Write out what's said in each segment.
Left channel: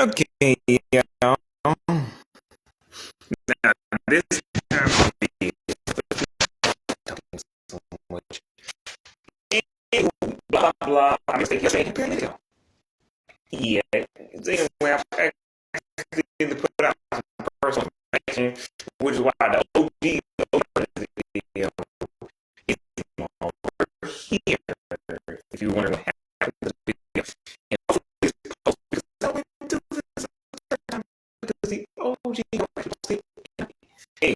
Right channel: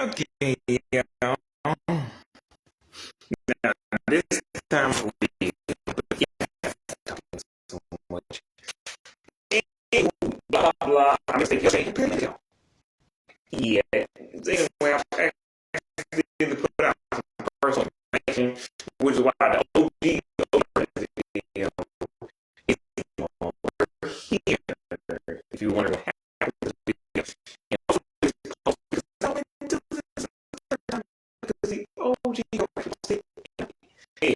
Okay, yeah. Now, this time of the year, so much. And blah, blah. I guess they just ain't paying it. Yeah. Then when I actually put out my personal information, which is why the OG video is over here. If you want to have this video. And also, this post, because I went to the OG. Hey,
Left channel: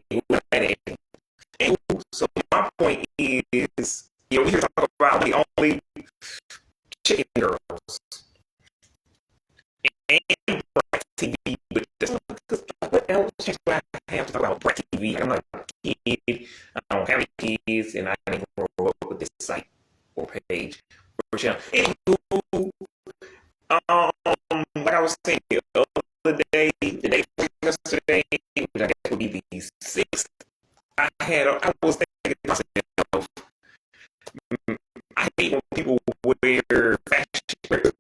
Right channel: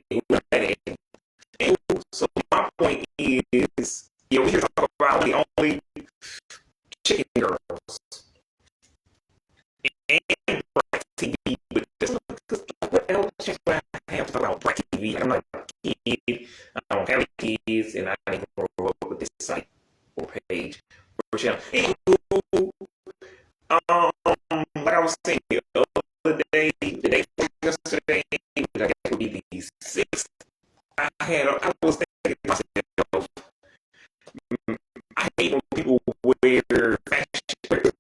so my point is, we here talk about the only chicken girls and black TV, but what else do I have to talk about black TV? I'm not a kid, I don't have any kids, and I didn't grow up with this site or page. Anywho, what I was saying the other day, the day before yesterday, which I guess would be the 6th, I was thinking to myself, I hate when people wear fashion,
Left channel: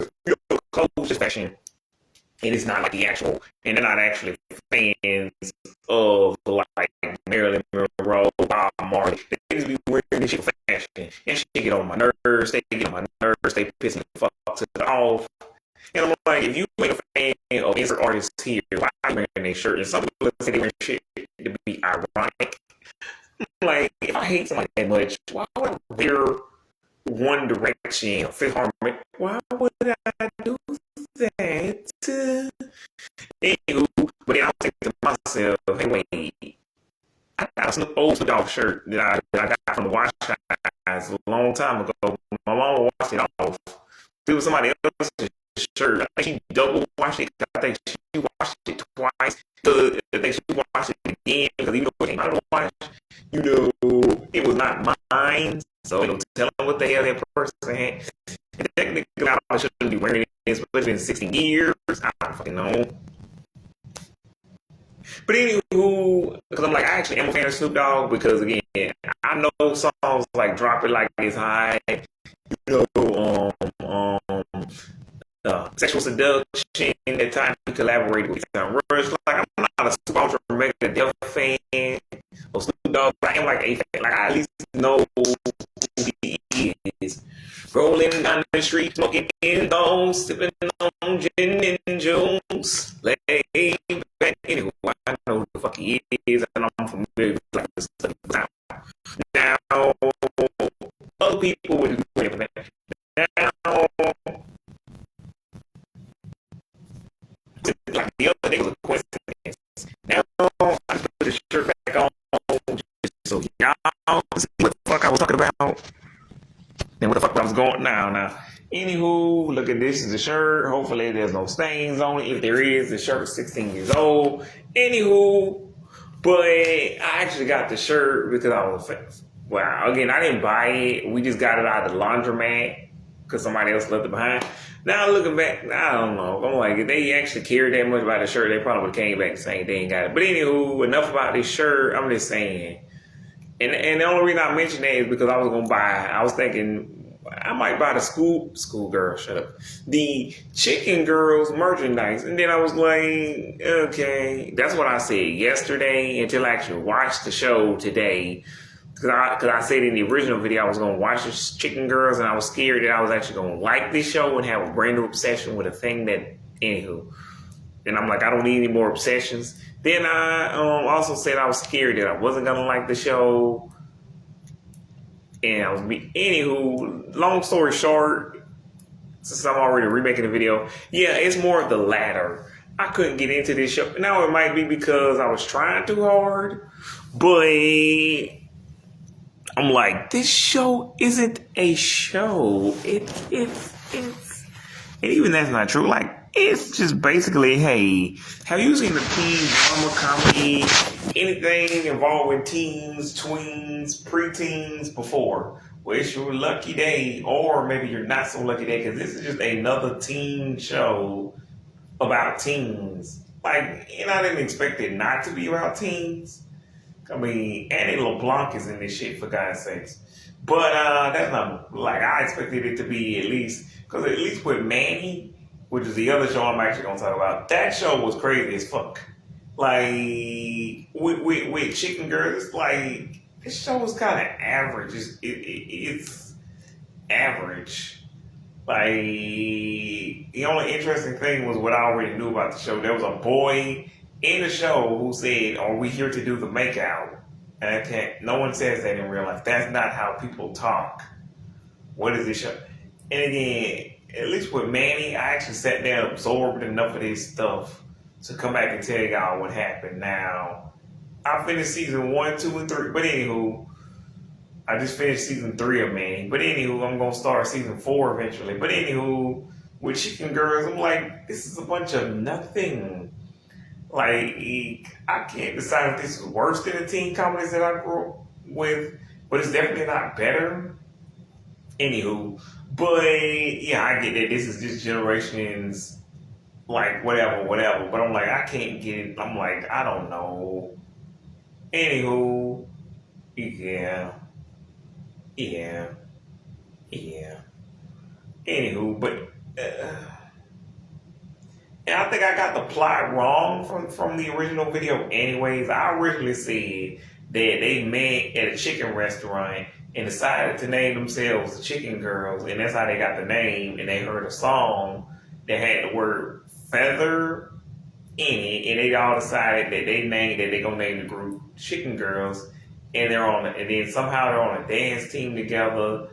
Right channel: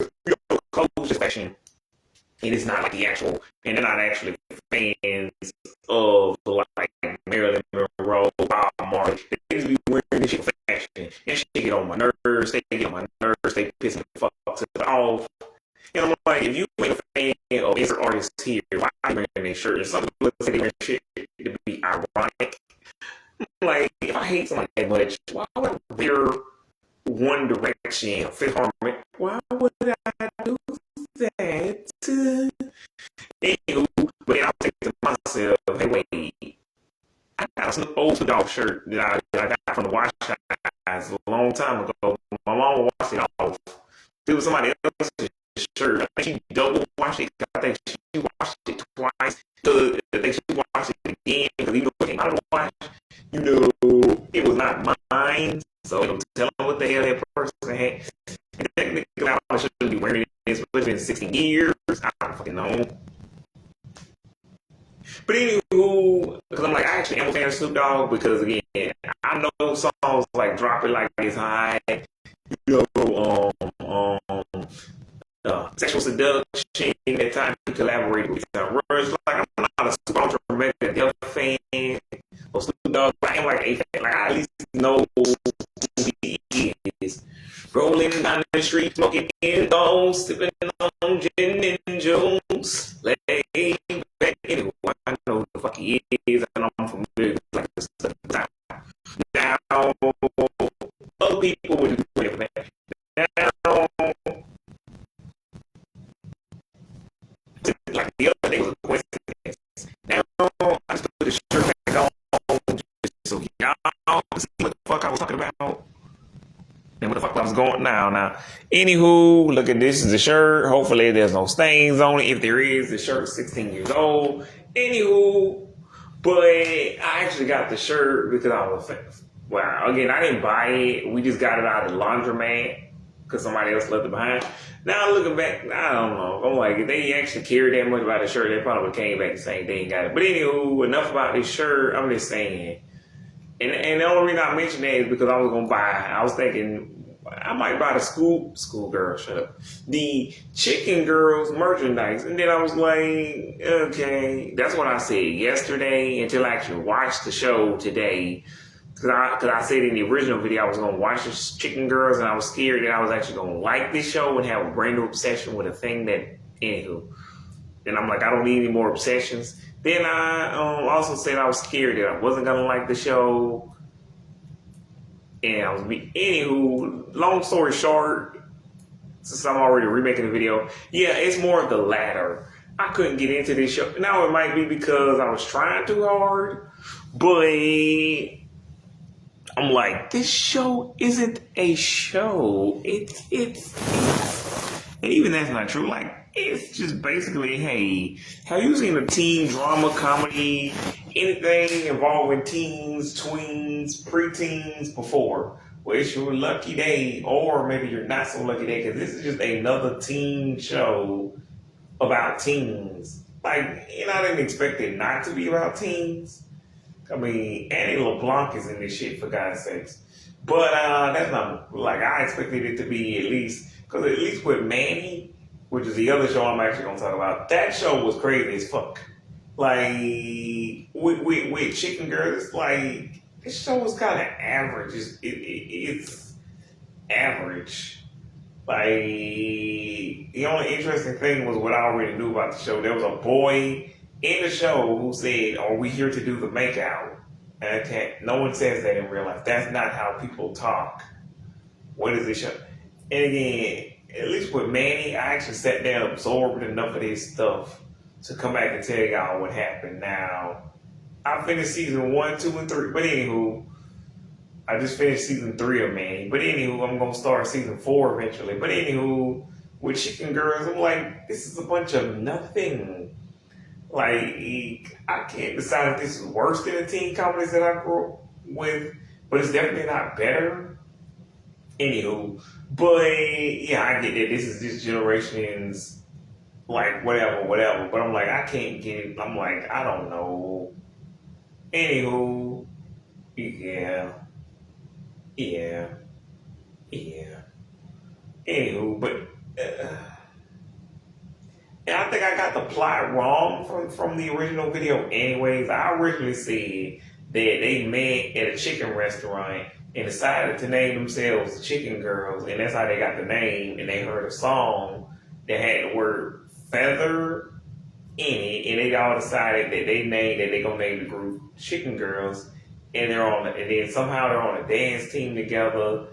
clothes just fashion, and it's not like the actual, and they're not actually fans of like Marilyn Monroe, Bob Marley. They just be wearing this shit for fashion, and shit get on my nerves. They get on my nerves. They piss me the fuck off. And I'm like, if you ain't a fan of every artist here, why are you wearing their shirt? And some people say they wear shit to be ironic. Like, if I hate something that much, why would I wear One Direction, Fifth Harmony? Why would I do that? Anywho, but I was thinking to myself, hey, wait, I got some old dog shirt that I got from the wash guys a long time ago. My mom washed it off. It was somebody else's shirt. I think she double washed it. I think she washed it twice. I think she washed it again because even though it came out of the wash, it was not mine. So it was telling what the hell that person had. And technically, I shouldn't be wearing this, but it's been 60 years. I don't fucking know. But anywho, because I'm like, I actually am a fan of Snoop Dogg because, again, I know songs like Drop It Like It's High, you know, Sexual Seduction, that time we collaborated with Rush. Like, I'm not a super mega Def fan or Snoop Dogg. I am like a fan. Like, I at least know who he is. Rolling down the street, smoking in bones, sipping on gin and juice. Lay back anyway. I know who the fuck he is, and I'm familiar with like this stuff. Now, other people would be ready for that. Now, like the other day was a coincidence. Now, I just put the shirt back on just so y'all see what the fuck I was talking about. And what the fuck I was going now. Anywho, look at this is the shirt. Hopefully there's no stains on it. If there is, the shirt is 16 years old. Anywho, but I actually got the shirt because I was wow. Again, I didn't buy it. We just got it out of the laundromat because somebody else left it behind. Now looking back, I don't know. I'm like, if they actually cared that much about the shirt, they probably came back saying they ain't got it. But anywho, enough about this shirt. I'm just saying. And the only reason I mentioned that is because I was gonna buy. I was thinking I might buy the schoolgirl shut up, the chicken girls merchandise, and then I was like, okay, that's what I said yesterday until I actually watched the show today. Because I said in the original video I was gonna watch the Chicken Girls, and I was scared that I was actually gonna like this show and have a brand new obsession with a thing that anywho. And I'm like, I don't need any more obsessions. Then I also said I was scared that I wasn't gonna like the show. And I was anywho, long story short, since I'm already remaking the video, yeah, it's more of the latter. I couldn't get into this show. Now it might be because I was trying too hard, but I'm like, this show isn't a show. And even that's not true. Like, it's just basically, hey, have you seen a teen drama comedy, anything involving teens, tweens, preteens before? Well, it's your lucky day, or maybe you're not so lucky day, because this is just another teen show about teens. Like, I didn't expect it not to be about teens. I mean, Annie LeBlanc is in this shit, for God's sakes. But that's not, like, I expected it to be at least, because at least with Manny, which is the other show I'm actually gonna talk about. That show was crazy as fuck. Like with Chicken Girls, like this show was kind of average. It's average. Like the only interesting thing was what I already knew about the show. There was a boy in the show who said, "Are we here to do the makeout?" And I can't. No one says that in real life. That's not how people talk. What is this show? And again, at least with Manny, I actually sat there and absorbed enough of this stuff to come back and tell y'all what happened. Now, I finished season 1, 2, and 3. But anywho, I just finished season 3 of Manny. But anywho, I'm gonna start season 4 eventually. But anywho, with Chicken Girls, I'm like, this is a bunch of nothing. Like, I can't decide if this is worse than the teen comedies that I grew up with, but it's definitely not better. Anywho, but yeah, I get that this is this generation's like whatever. But I'm like, I can't get it. I'm like, I don't know. Anywho, yeah. Anywho, but and I think I got the plot wrong from the original video. Anyways, I originally said that they met at a chicken restaurant and decided to name themselves the Chicken Girls, and that's how they got the name. And they heard a song that had the word feather in it, and they all decided that they're gonna name the group Chicken Girls, and and then somehow they're on a dance team together,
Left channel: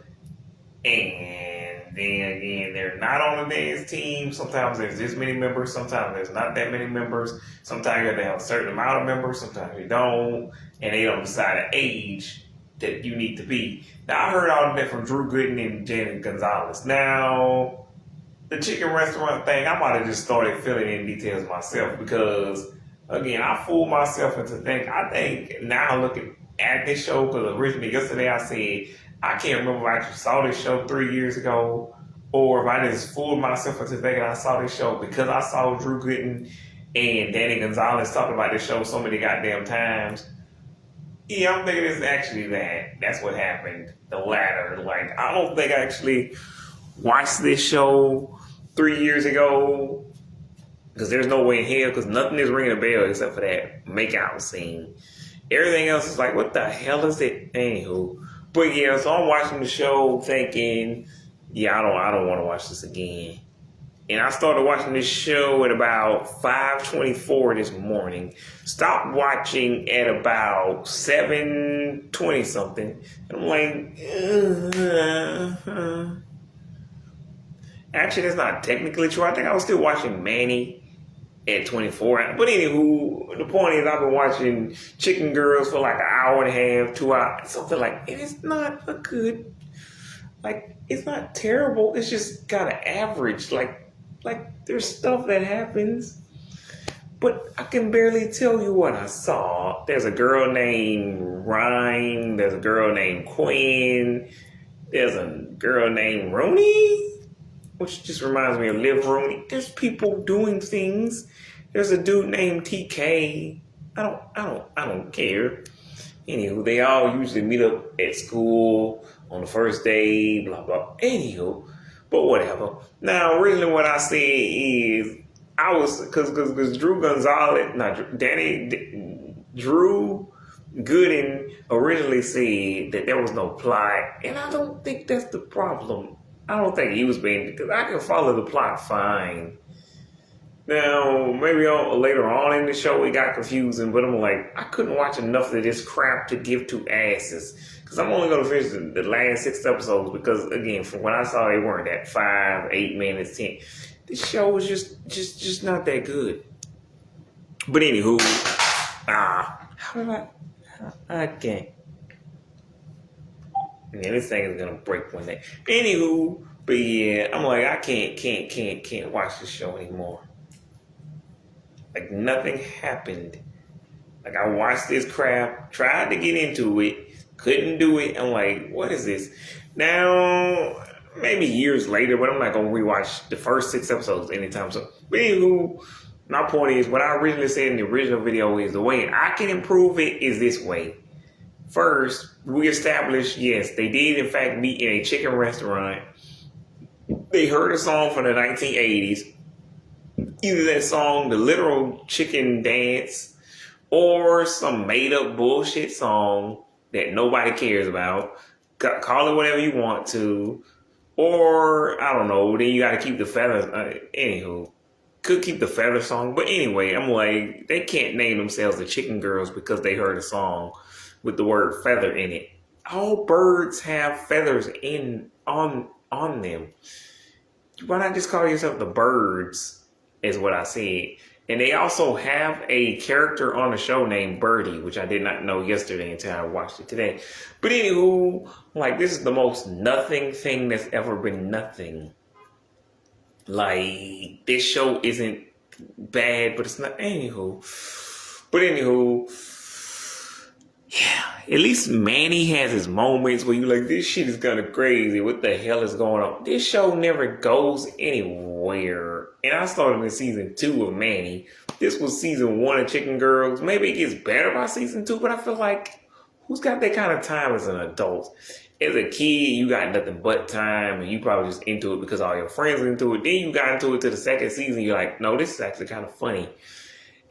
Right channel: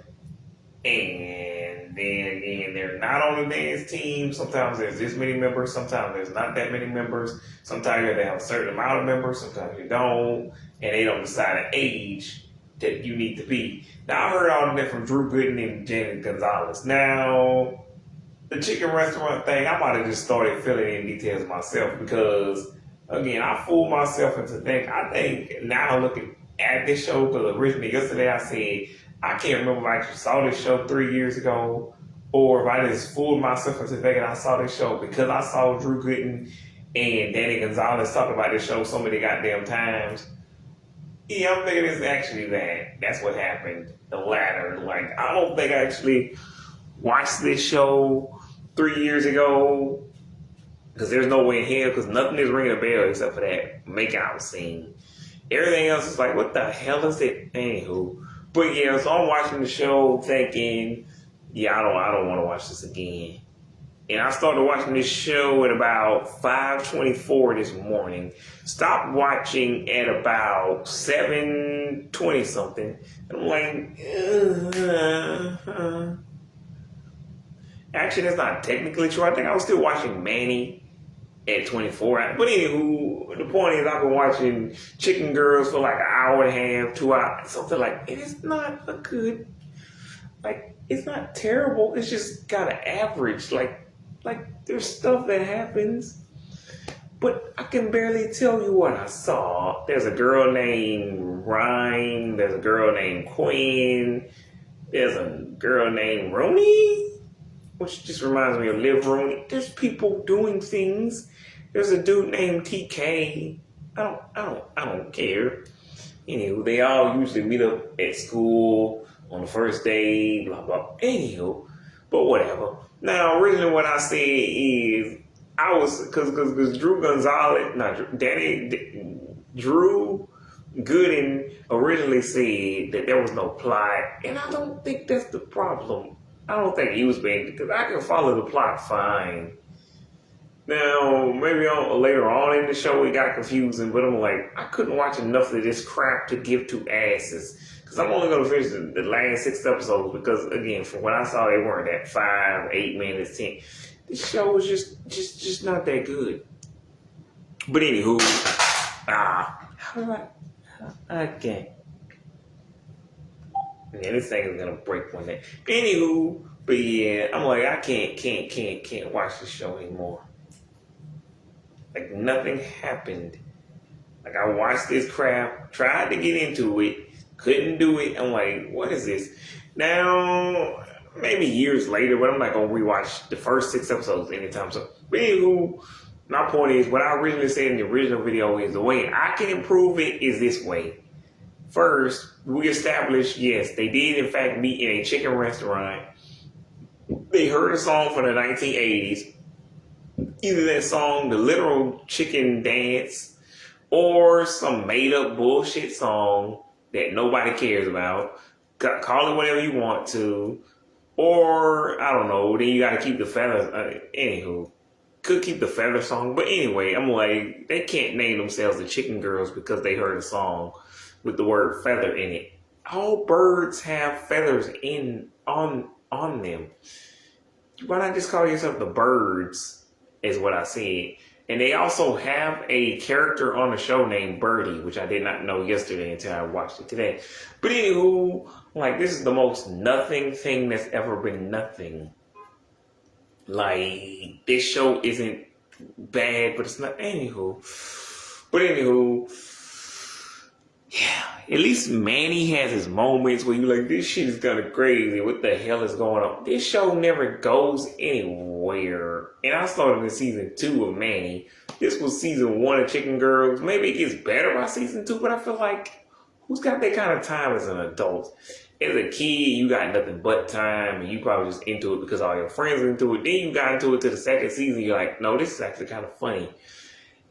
and then again they're not on a dance team. Sometimes there's this many members, sometimes there's not that many members. Sometimes they have a certain amount of members, sometimes they don't, and they don't decide an age that you need to be. Now I heard all of that from Drew Gooden and Janet Gonzalez. Now the chicken restaurant thing, I might have just started filling in details myself because, again, I fooled myself into thinking. I think now looking at this show, because originally yesterday I said I can't remember if I actually saw this show 3 years ago, or if I just fooled myself into thinking I saw this show because I saw Drew Gooden and Danny Gonzalez talk about this show so many goddamn times. Yeah, I'm thinking it's actually that. That's what happened. The latter. Like, I don't think I actually watched this show 3 years ago because there's no way in hell, because nothing is ringing a bell except for that makeout scene. Everything else is like, what the hell is it? Anywho. But yeah, so I'm watching the show thinking, yeah, I don't want to watch this again. And I started watching this show at about 5:24 this morning. Stopped watching at about 7:20 something. I'm like, Actually, that's not technically true. I think I was still watching Manny at 24. But anywho, the point is I've been watching Chicken Girls for like an hour and a half, 2 hours. Something like, it is not a good, like, it's not terrible. It's just kind of average. Like there's stuff that happens, but I can barely tell you what I saw. There's a girl named Ryan. There's a girl named Quinn. There's a girl named Rooney, which just reminds me of Liv Rooney. There's people doing things. There's a dude named TK. I don't care. Anywho, they all usually meet up at school on the first day, blah, blah. Anywho, but whatever. Now, originally what I said is, I was, because Drew Gonzalez, Drew Gooden originally said that there was no plot, and I don't think that's the problem. I don't think he was being, because I can follow the plot fine. Now, maybe later on in the show it got confusing, but I'm like, I couldn't watch enough of this crap to give two asses. Because I'm only going to finish the last 6 episodes because, again, from what I saw, they weren't at 5, 8 minutes, 10. This show was just not that good. But anywho, I can't. Yeah, this thing is going to break one day. Anywho, but yeah, I'm like, I can't watch this show anymore. Like, nothing happened. Like, I watched this crap, tried to get into it, couldn't do it. I'm like, what is this? Now, maybe years later, but I'm not going to rewatch the first 6 episodes anytime soon. But anywho, my point is, what I originally said in the original video is the way I can improve it is this way. First, we established, yes, they did in fact meet in a chicken restaurant. They heard a song from the 1980s. either that song, the literal chicken dance, or some made up bullshit song that nobody cares about. Call it whatever you want to. Or, I don't know, then you gotta keep the feathers. Anywho, could keep the feather song. But anyway, I'm like, they can't name themselves the Chicken Girls because they heard a song with the word feather in it. All birds have feathers on them. Why not just call yourself the Birds, is what I said. And they also have a character on the show named Birdie, which I did not know yesterday until I watched it today. But anywho, like, this is the most nothing thing that's ever been nothing. Like, this show isn't bad, but it's not. Anywho, yeah, at least Manny has his moments where you're like, this shit is kind of crazy. What the hell is going on? This show never goes anywhere. And I started in season 2 of Manny. This was season 1 of Chicken Girls. Maybe it gets better by season 2, but I feel like, who's got that kind of time as an adult? As a kid, you got nothing but time, and you probably just into it because all your friends are into it. Then you got into it to the second season, you're like, no, this is actually kind of funny.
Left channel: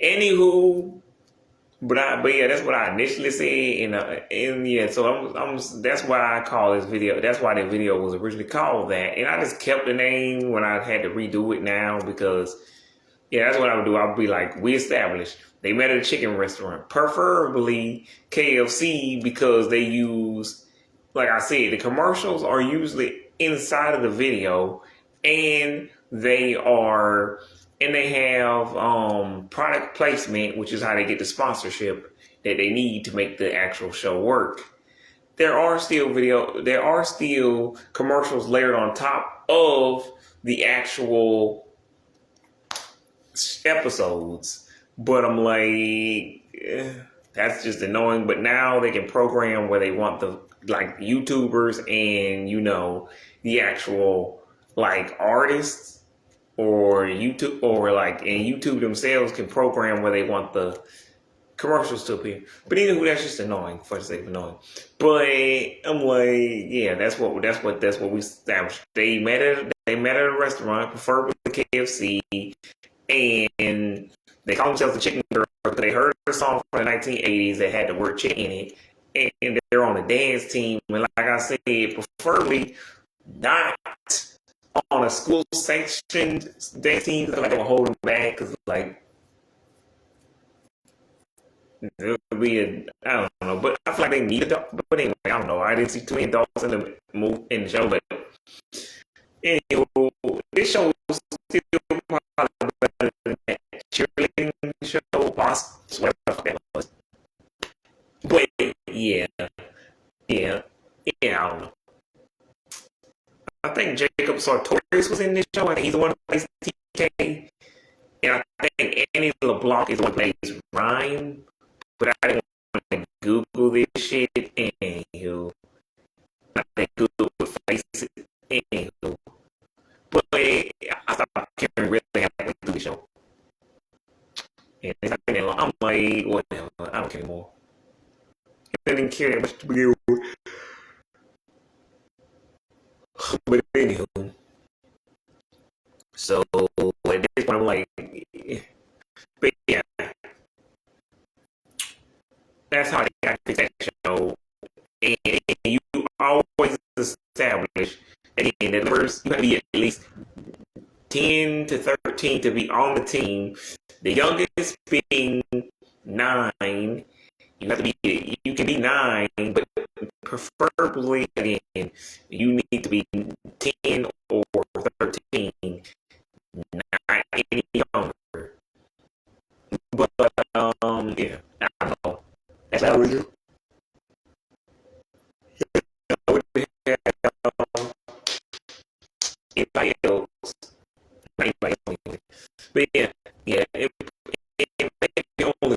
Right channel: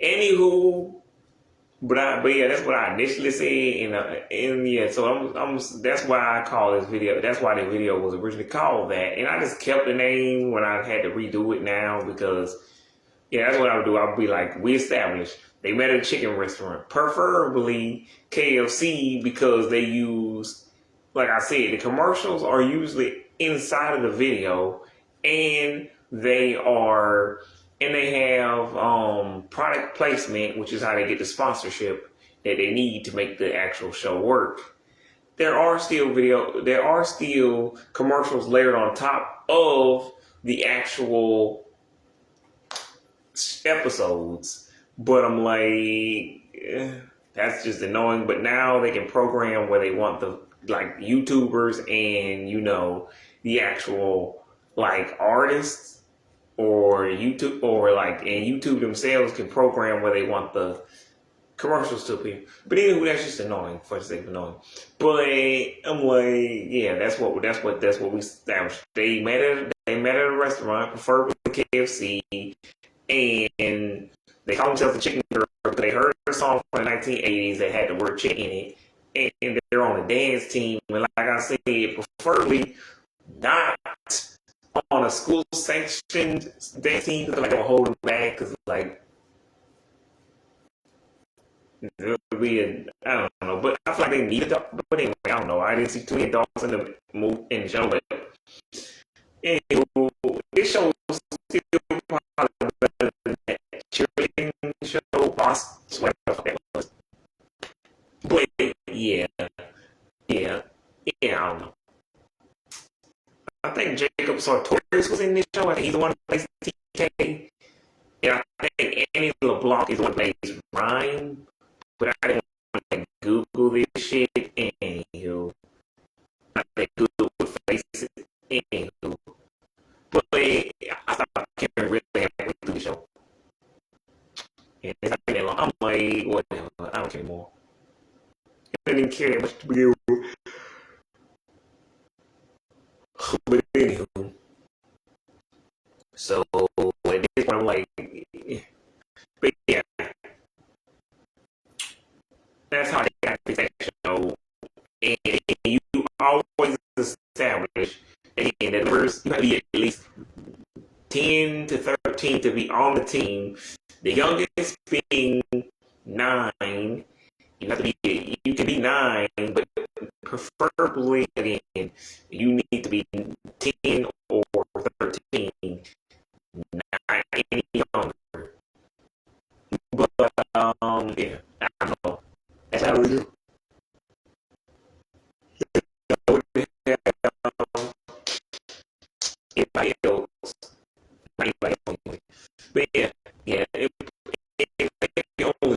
Anywho, but yeah, that's what I initially said, and yeah, so I'm that's why I call this video. That's why the video was originally called that, and I just kept the name when I had to redo it now because, yeah, that's what I would do. I'll be like, we established they met at a chicken restaurant, preferably KFC, because they use, like I said, the commercials are usually inside of the video, and they have product placement, which is how they get the sponsorship that they need to make the actual show work. There are still commercials layered on top of the actual episodes, but I'm like, that's just annoying. But now they can program where they want the, like, YouTubers and the actual, like, artists. Or YouTube, or like, and YouTube themselves can program where they want the commercials to appear. But anyway, that's just annoying for the sake of annoying. But I'm like, yeah, that's what we established. They met at a restaurant, preferably KFC, and they call themselves the Chicken Girl because they heard a song from the 1980s that had the word chicken in it, and they're on a dance team. And like I said, preferably not on a school sanctioned dance team, because they're holding back, because like there would be I don't know, but I feel like they need a. But anyway, I don't know. I didn't see too many adults in the show, but anyway, this show is still probably better than that cheerleading show, Boss, whatever that was. But yeah, I don't know. I think Jacob Sartorius was in this show. I think he's the one who plays TK. And I think Annie LeBlanc is the one who plays Ryan. But I didn't want to Google this shit. Anywho, I think Google would face it. Anywho. But I thought Karen really had to do the show. And I'm like, whatever. I don't care anymore. I didn't care that much to begin with. But anywho, so at this point I'm like, but yeah, that's how they got this show. And you always establish, again, that first you have to be at least 10 to 13 to be on the team. The youngest being 9. You can be 9, but preferably, again, you need to be 10 or 13, not any younger. But yeah, I don't know. That's how we do. Anybody else? But yeah, it only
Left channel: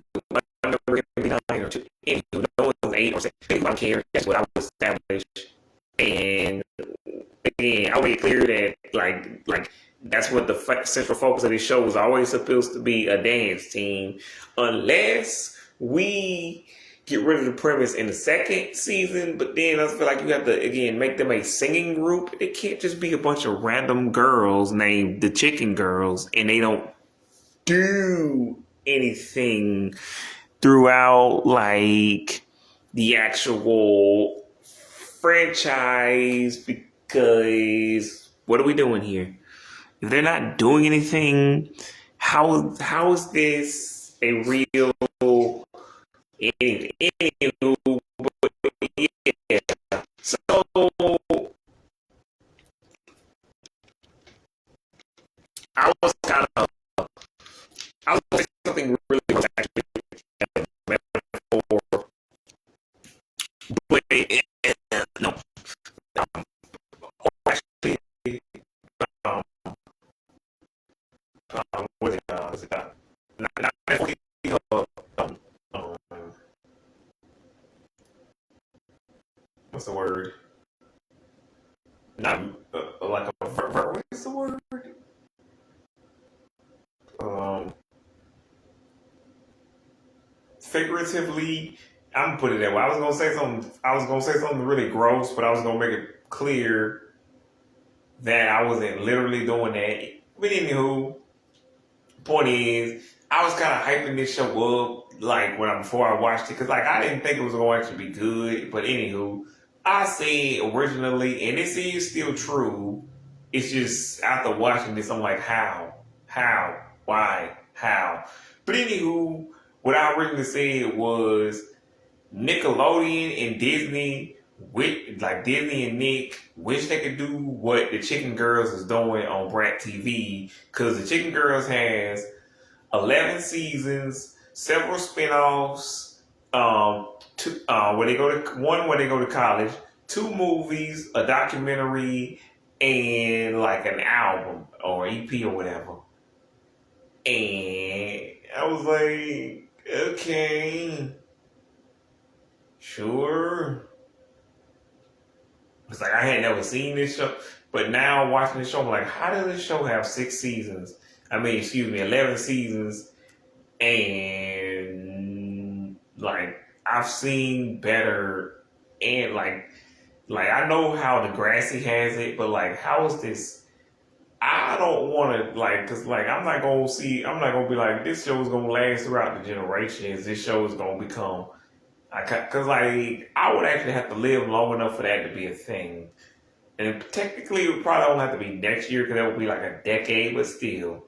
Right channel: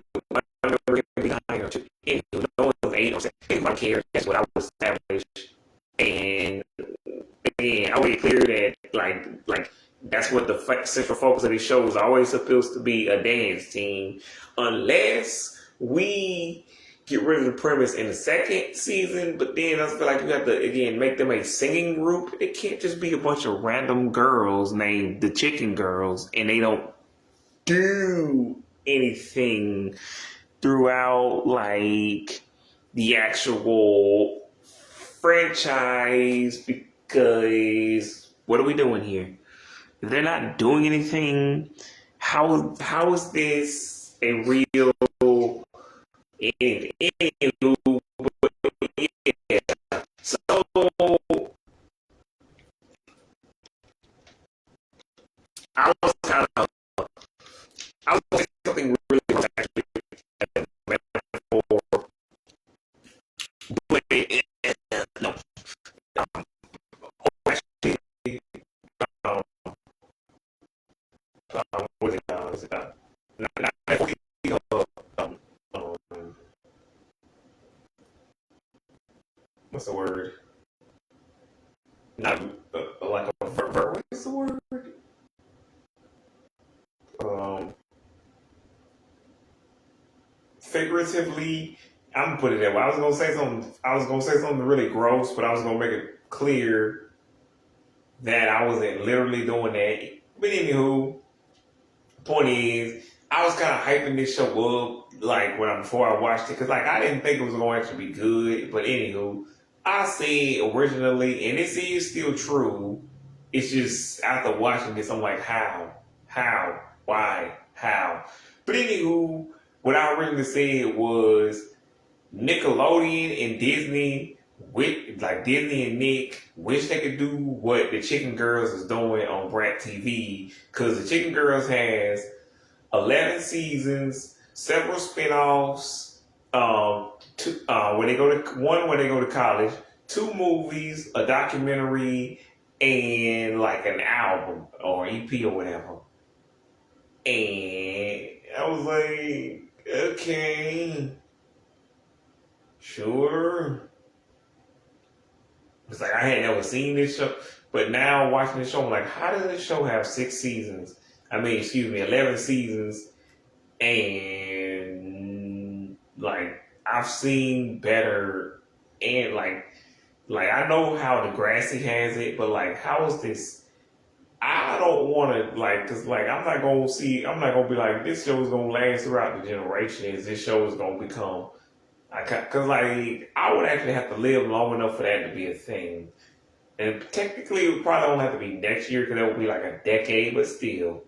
no one's 8 or 7. I don't care. That's what I was established. And again, I made it clear that like that's what the central focus of this show is always supposed to be, a dance team, unless we get rid of the premise in the second season. But then I feel like you have to, again, make them a singing group. It can't just be a bunch of random girls named the Chicken Girls and they don't do anything throughout like the actual franchise because what are we doing here? If they're not doing anything, how is this a real anywho, yeah. So I was kind of I was saying something really was actually a metaphor, but no, actually, um, what is it? Was it not um, um, what's the word? Not like a what's the word? Um, Figuratively, I'm gonna put it that way. I was gonna say something. I was gonna say something really gross, but I was gonna make it clear that I wasn't literally doing that. But anywho, point is, I was kind of hyping this show up like before I watched it because like I didn't think it was going to actually be good. But anywho, I said originally, and this is still true. It's just after watching this, I'm like, how, why, how. But anywho, what I originally said was Nickelodeon and Disney, with like Disney and Nick, wish they could do what the Chicken Girls is doing on Brat TV because the Chicken Girls has 11 seasons, several spinoffs, where they go to one where they go to college, two movies, a documentary, and like an album or EP or whatever. And I was like, okay, sure. It's like I had never seen this show, but now watching this show, I'm like, how does this show have 6 seasons? I mean, excuse me, 11 seasons, and like I've seen better, and like I know how Degrassi has it, but like how is this? I don't want to like, cause like I'm not gonna be like this show is gonna last throughout the generations. This show is gonna become because like I would actually have to live long enough for that to be a thing. And technically, it probably don't have to be next year because that would be like a decade. But still,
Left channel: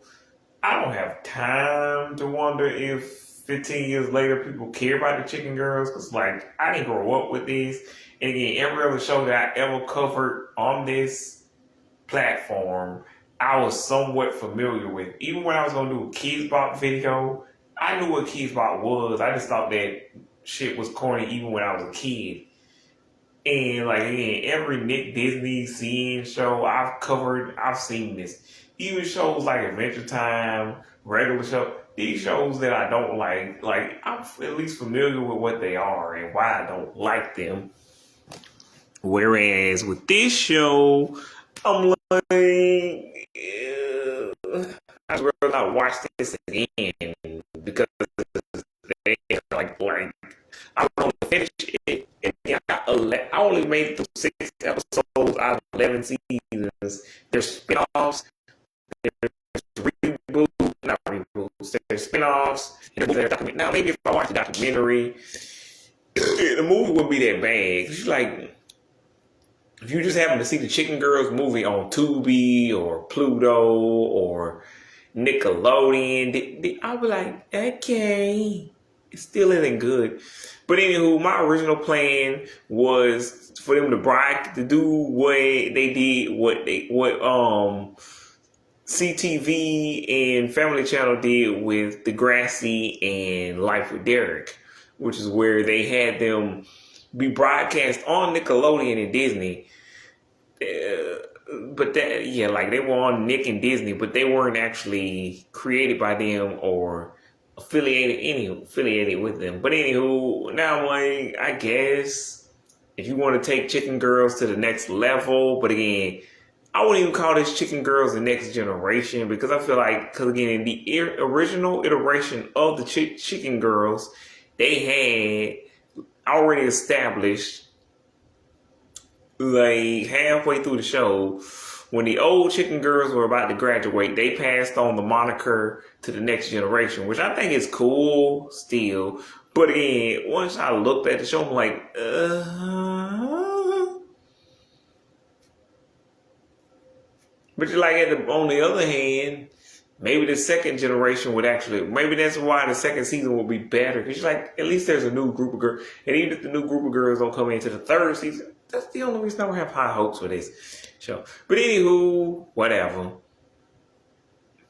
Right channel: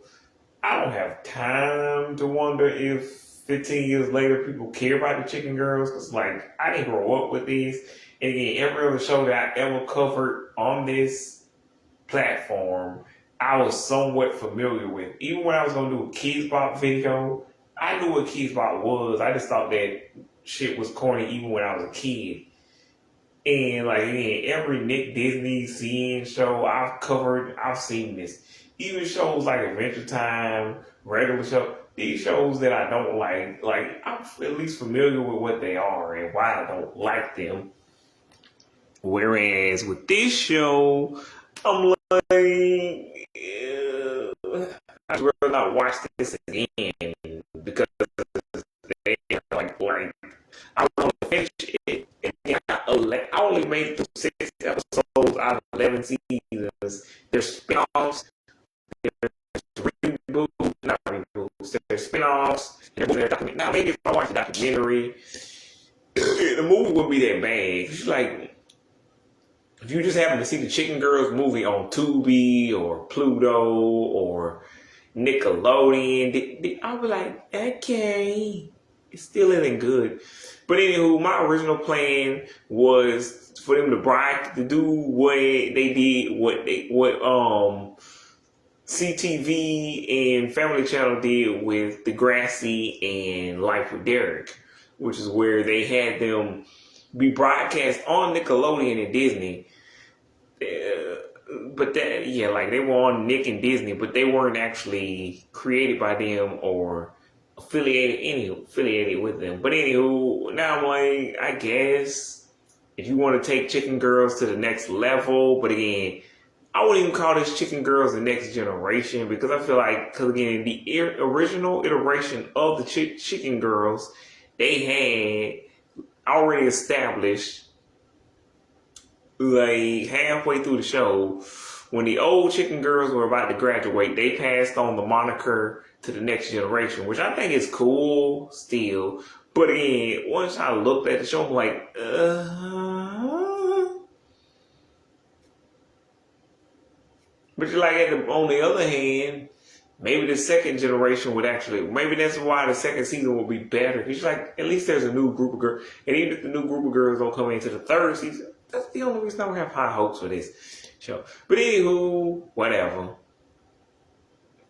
I don't have time to wonder if 15 years later people care about the Chicken Girls because like I didn't grow up with these. And again, every other show that I ever covered on this platform, I was somewhat familiar with. Even when I was gonna do a Kids Bop video, I knew what Kids Bop was. I just thought that shit was corny even when I was a kid. And like again, every Nick Disney scene show I've covered, I've seen this. Even shows like Adventure Time, regular show, these shows that I don't like I'm at least familiar with what they are and why I don't like them. Whereas with this show, I'm like, I'd rather not watch this again because they like I want to finish it. And I only made it through 6 episodes out of 11 seasons. There's spinoffs, there's reboots, not reboots, there's spinoffs, and there's documentary. Now, maybe if I watch the documentary, the movie wouldn't be that bad. It's like, if you just happen to see the Chicken Girls movie on Tubi or Pluto or Nickelodeon, I'll be like, okay, it still isn't good. But anywho, my original plan was for them to do what they did, what CTV and Family Channel did with Degrassi and Life with Derek, which is where they had them be broadcast on Nickelodeon and Disney. But that, yeah, like they were on Nick and Disney, but they weren't actually created by them or affiliated with them. But anywho, now I'm like, I guess if you want to take Chicken Girls to the next level, but again, I wouldn't even call this Chicken Girls the next generation because I feel like, because again, in the original iteration of the Chicken Girls, they had already established like halfway through the show when the old chicken girls were about to graduate, they passed on the moniker to the next generation, which I think is cool still. But again, once I looked at the show, I'm like, But like on the other hand, maybe the second generation would actually, maybe that's why the second season will be better. Because like, at least there's a new group of girls. And even if the new group of girls don't come into the third season, that's the only reason I don't have high hopes for this show. But anywho, whatever.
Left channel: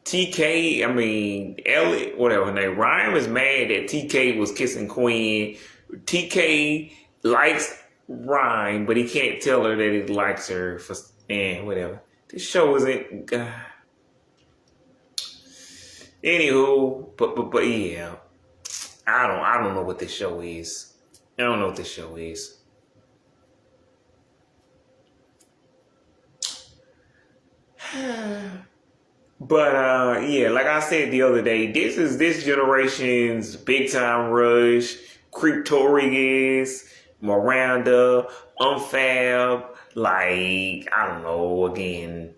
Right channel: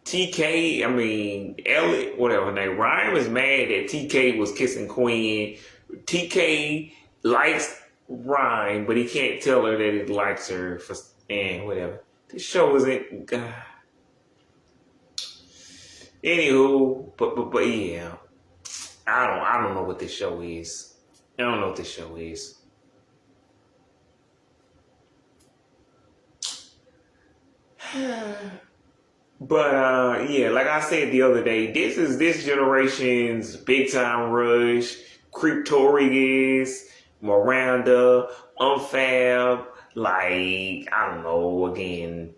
TK, I mean, Elliot, whatever her name, Ryan is mad that TK was kissing Quinn. TK likes Ryan, but he can't tell her that he likes her for, whatever. This show isn't. Anywho, but yeah, I don't know what this show is. I don't know what this show is. But yeah, like I said the other day, this is this generation's Big Time Rush, Creeptorius, Miranda, Unfab, like, I don't know, again,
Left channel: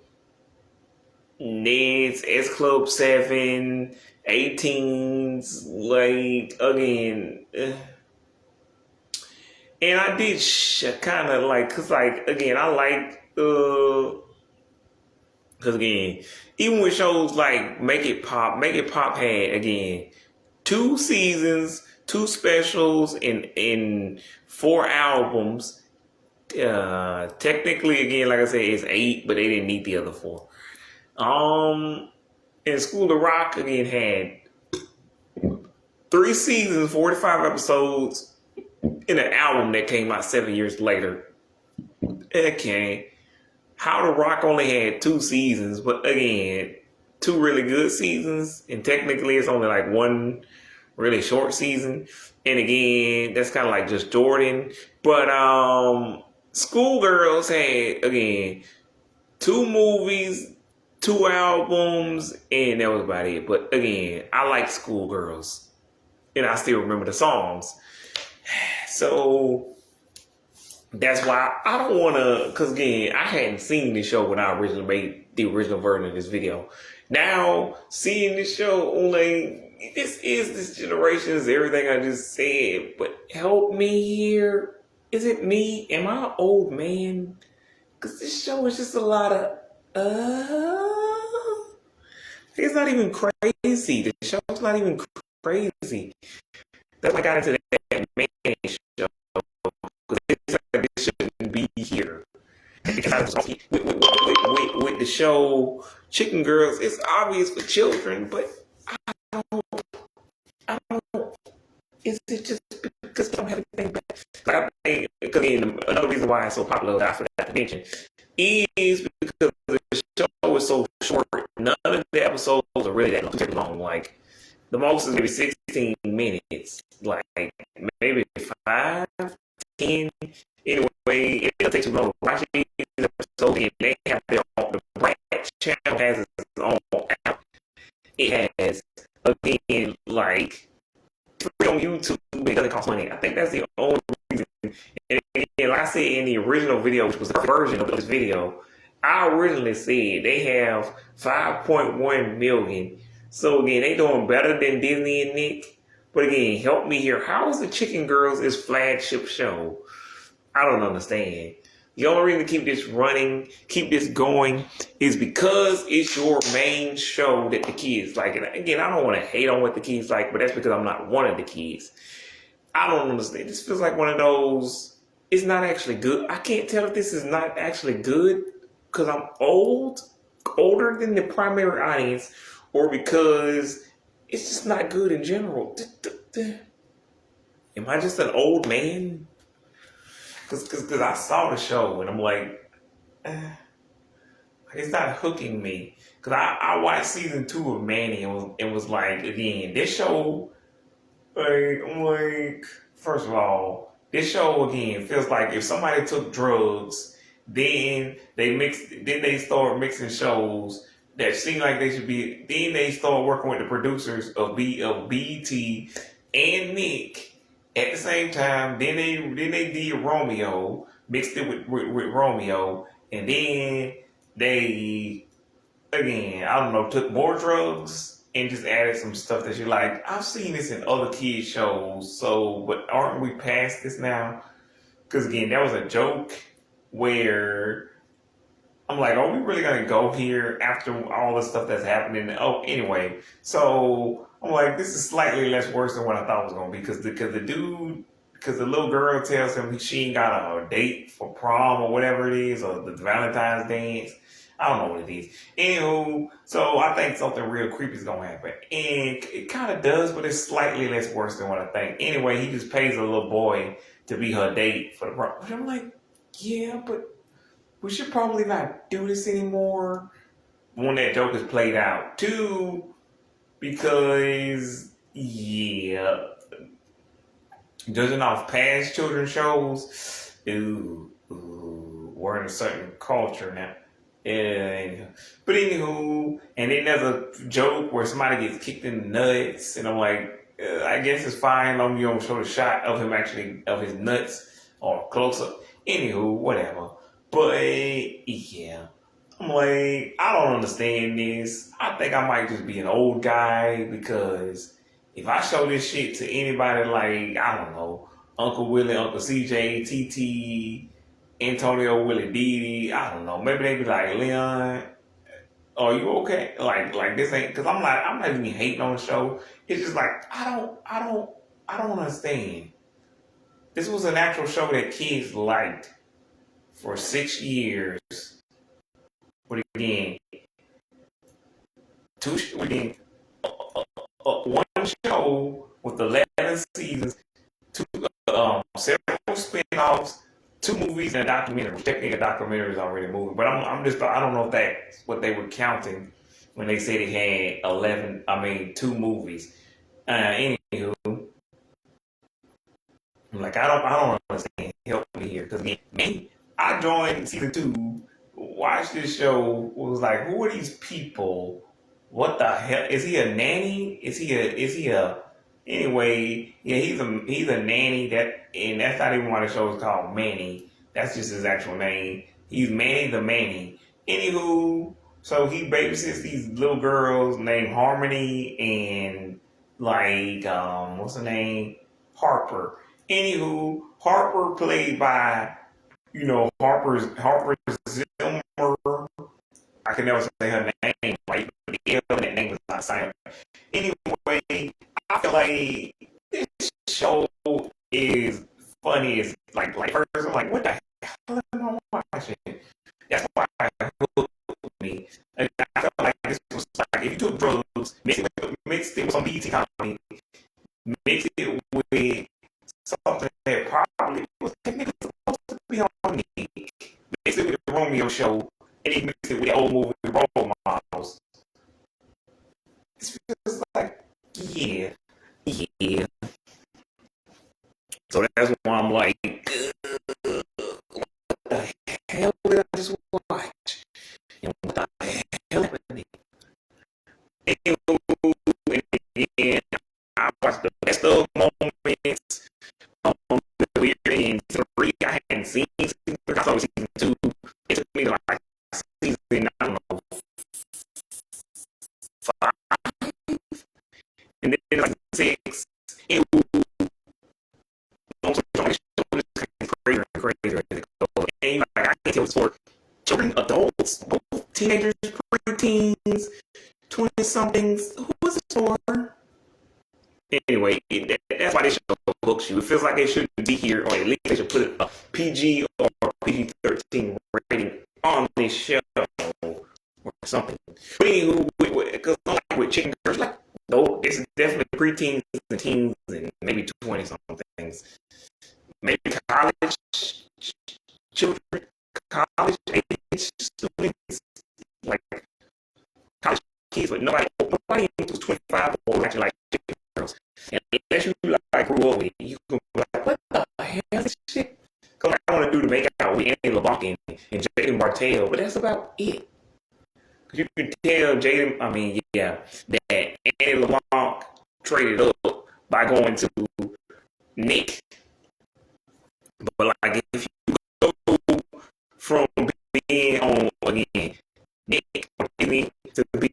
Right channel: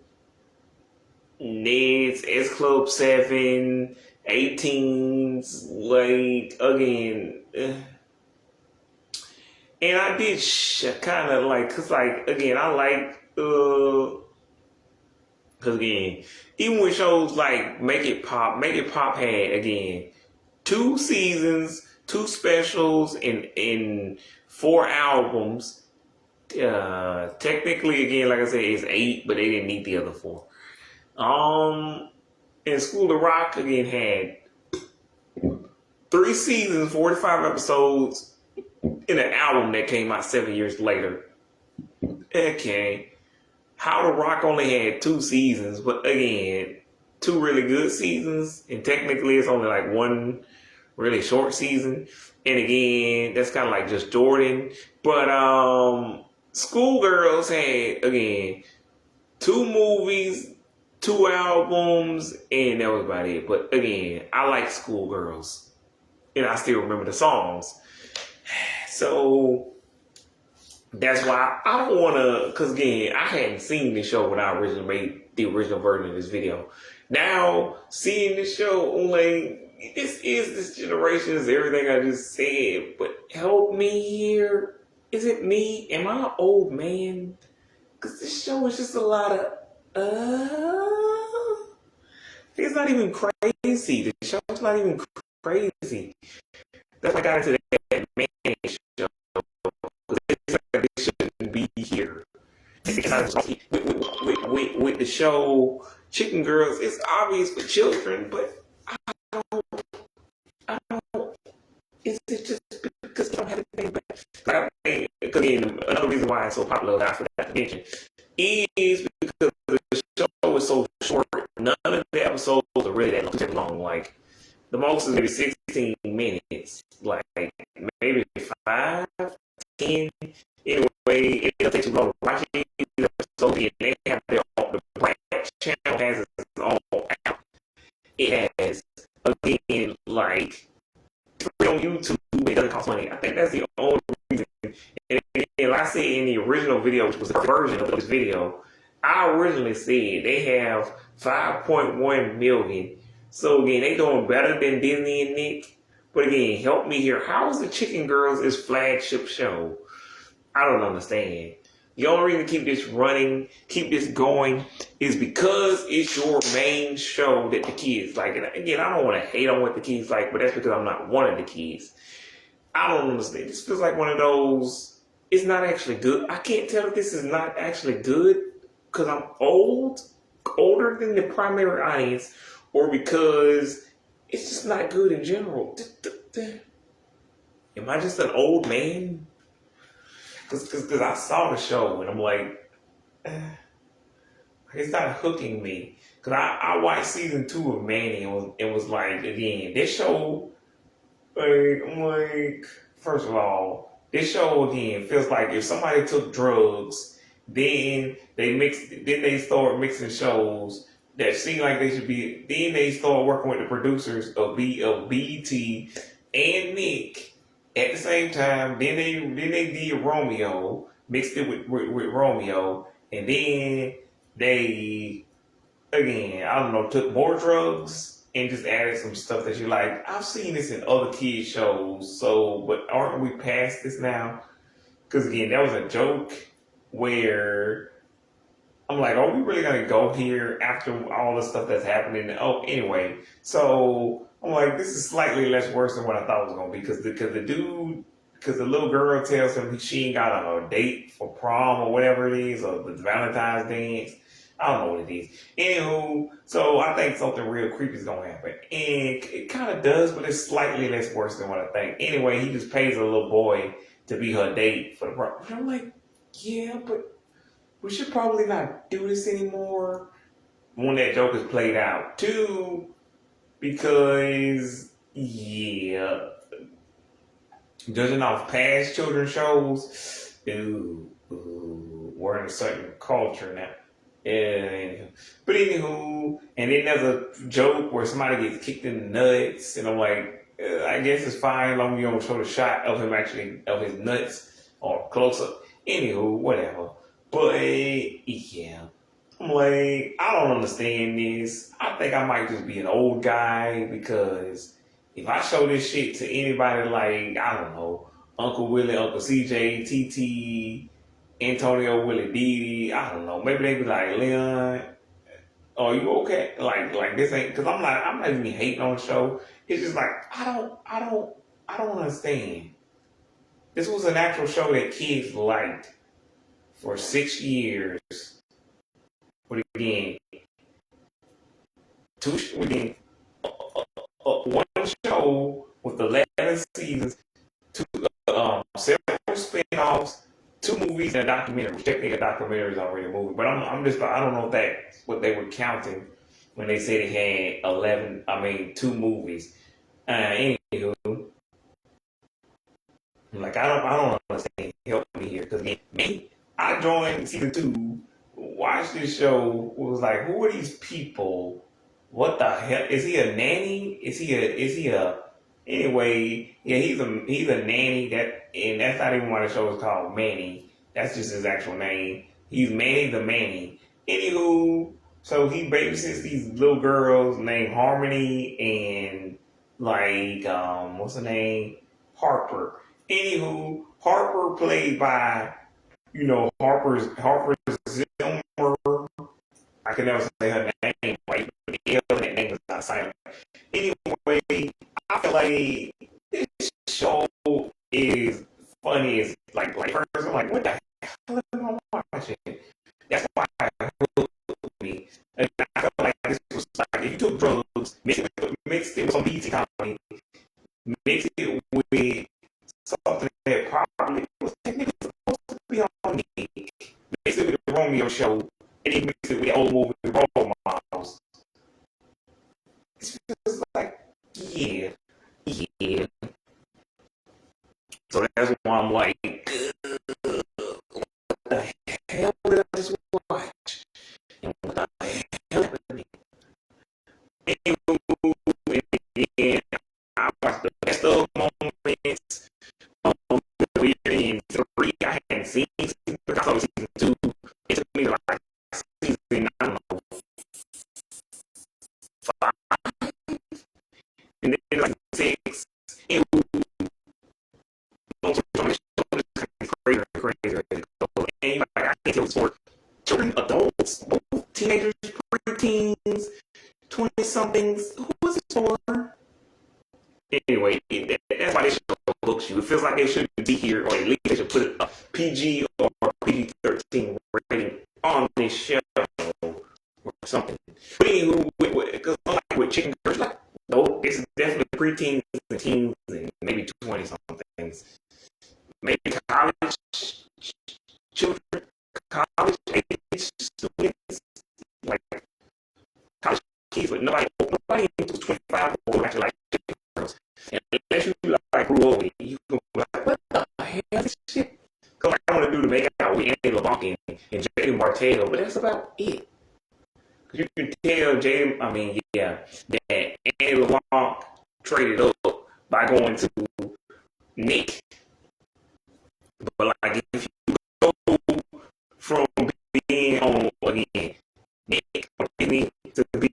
Ned's, S Club 7, 18s, like, again, and I did kind of like, cause like, again, I like, cause again, even with shows like Make It Pop had, again, 2 seasons, 2 specials, and 4 albums. Technically, again, like I said, it's 8, but they didn't need the other 4. And School of Rock, again, had 3 seasons, 45 episodes, and an album that came out 7 years later. Okay. How the Rock only had 2 seasons, but again, 2 really good seasons, and technically it's only like 1 really short season. And again, that's kind of like just Jordan. But Schoolgirls had, again, 2 movies, 2 albums, and that was about it. But again, I like Schoolgirls, and I still remember the songs. So that's why I don't want to, because again, I hadn't seen this show when I originally made the original version of this video. Now, seeing this show, like, this is this generation's everything I just said, but help me here. Is it me? Am I an old man? Because this show is just a lot of, it's not even crazy. The show's not even crazy. That's why I got into that man show. Because this shouldn't be here. Because with the show Chicken Girls, it's obvious for children, but I don't, is it just because I don't have anything back? Again, another reason why it's so popular that I forgot to mention is because the show is so short. None of the episodes are really that long. Like, the most is maybe 16 minutes. Like, maybe 5, 10. Anyway, it'll take too long. Watch these episodes, and they have their own. The Black channel has its own app. It has, again, like, on YouTube, it doesn't cost money. I think that's the only reason. And like I said in the original video, which was the version of this video, I originally said they have 5.1 million. So again, they doing better than Disney and Nick. But again, help me here. How is the Chicken Girls its flagship show? I don't understand. The only reason to keep this running, keep this going, is because it's your main show that the kids like. And again, I don't want to hate on what the kids like, but that's because I'm not one of the kids. I don't understand. This feels like one of those, it's not actually good. I can't tell if this is not actually good because I'm older than the primary audience, or because it's just not good in general. Am I just an old man? Because I saw the show and I'm like, it's not hooking me. Because I watched season 2 of Manny and was like, again, this show, I'm like, first of all, this show again feels like if somebody took drugs, then they start mixing shows that seem like they should be. Then they start working with the producers of BET and Nick at the same time. Then they did Romeo, mixed it with Romeo, and then they, again, I don't know, took more drugs and just added some stuff that you like. I've seen this in other kids shows, so but aren't we past this now? Because again, that was a joke where I'm like, are we really gonna go here after all the stuff that's happening? Oh, anyway, so I'm like, this is slightly less worse than what I thought it was gonna be because the little girl tells him she ain't got a date for prom or whatever it is, or the Valentine's dance. I don't know what it is. Anywho, so I think something real creepy is gonna happen, and it kind of does, but it's slightly less worse than what I think. Anyway, he just pays a little boy to be her date for the prom. I'm like, yeah, but we should probably not do this anymore when that joke is played out. Two, because, yeah, judging off past children's shows, we're in a certain culture now. Anyhow. But anywho, and then there's a joke where somebody gets kicked in the nuts, and I'm like, I guess it's fine as long as you don't show the shot of him actually, of his nuts, or close up. Anywho, whatever. But yeah, I'm like, I don't understand this. I think I might just be an old guy because if I show this shit to anybody like, I don't know, Uncle Willie, Uncle CJ, TT, Antonio, Willie Didi, I don't know, maybe they be like, Leon, are you okay? Like this ain't, cause I'm not even hating on the show. It's just like, I don't understand. This was an actual show that kids liked for 6 years. But again, one show with 11 seasons, two several spin-offs, two movies and a documentary. Technically, a documentary is already a movie, but I don't know if that's what they were counting when they said it had 11. I mean, two movies. Anywho, I'm like, I don't understand. Help me here, because me, I joined season 2, watched this show, was like, who are these people? What the hell? Is he a nanny? Is he a anyway, yeah, he's a nanny and that's not even why the show is called Manny. That's just his actual name. He's Manny the Manny. Anywho, so he babysits these little girls named Harmony and like what's her name? Harper. Anywho, Harper played by, Harper Zimmer. I can never say her name right, but the L in that name is not silent. Anyway, I feel like this show is funny as like first I'm like, what the hell am I watching? That's why it hooked me. And I felt like this was like if you took drugs, mixed it with some BT comedy, mixed it with something that probably was technically supposed to be on Nick. Mixed it with the Romeo show, and then mixed it with the old movie Role Models. It's just like, yeah. So that's why I'm like, what the hell did I just watch? And what the hell happened? And I watched the best of moments. We're in 3. I hadn't seen season 3. I saw season 2. It took me like season, I don't know, 5. And then like 6. It was crazy. And like, I can't tell it's for children, adults, both teenagers, preteens, 20 somethings. Who is it for? Anyway, that's why they should hooks you. It feels like it should be here, or at least they should put a PG or PG-13 rating on this show or something. But anyway, because like with Chicken Girls, like, no, it's definitely preteens and teens and maybe 20 somethings. Maybe college children, college age students, like college kids, but nobody who's 25 or actually like Chicken Girls. And unless you like grew up, you can be like, what the hell is this shit? Because I want to do the make out with Andy LeBlanc and Jaden Martell, but that's about it. Because you can tell that Andy LeBlanc traded up by going to Nick. But like if you go from being on again Nick me to be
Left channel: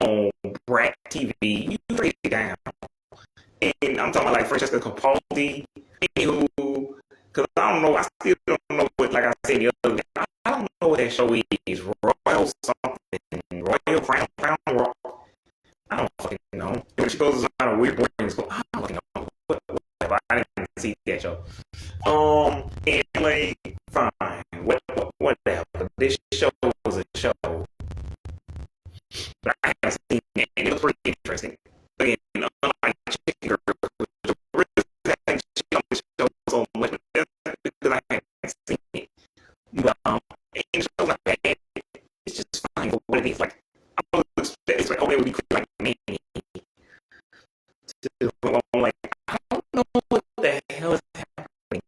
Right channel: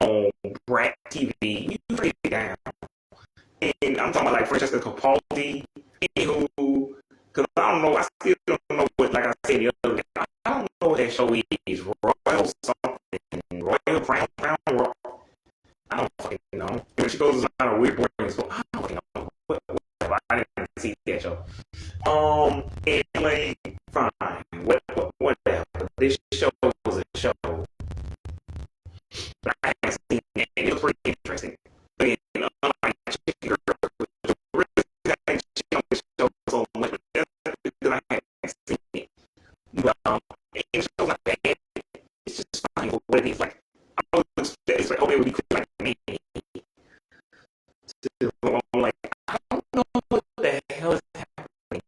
on Brat TV. You break it down. And I'm talking about like Francesca Capaldi, who, because I don't know, I still don't know what, like I said the other day, I don't know what that show is. Royal something, Royal Crown Rock. I don't fucking know. When she goes on a weird boarding school, I don't fucking know. Whatever. I didn't even see that show. And like, fine. Whatever. This show was a show. I haven't seen it, and it was pretty interesting. And, Chicken Girl, so much because I haven't seen it. But, and the show's not bad. It's just fine for what it is. Like, I don't expect it's like, oh, maybe we could like me. I'm like, I don't know what the hell is happening.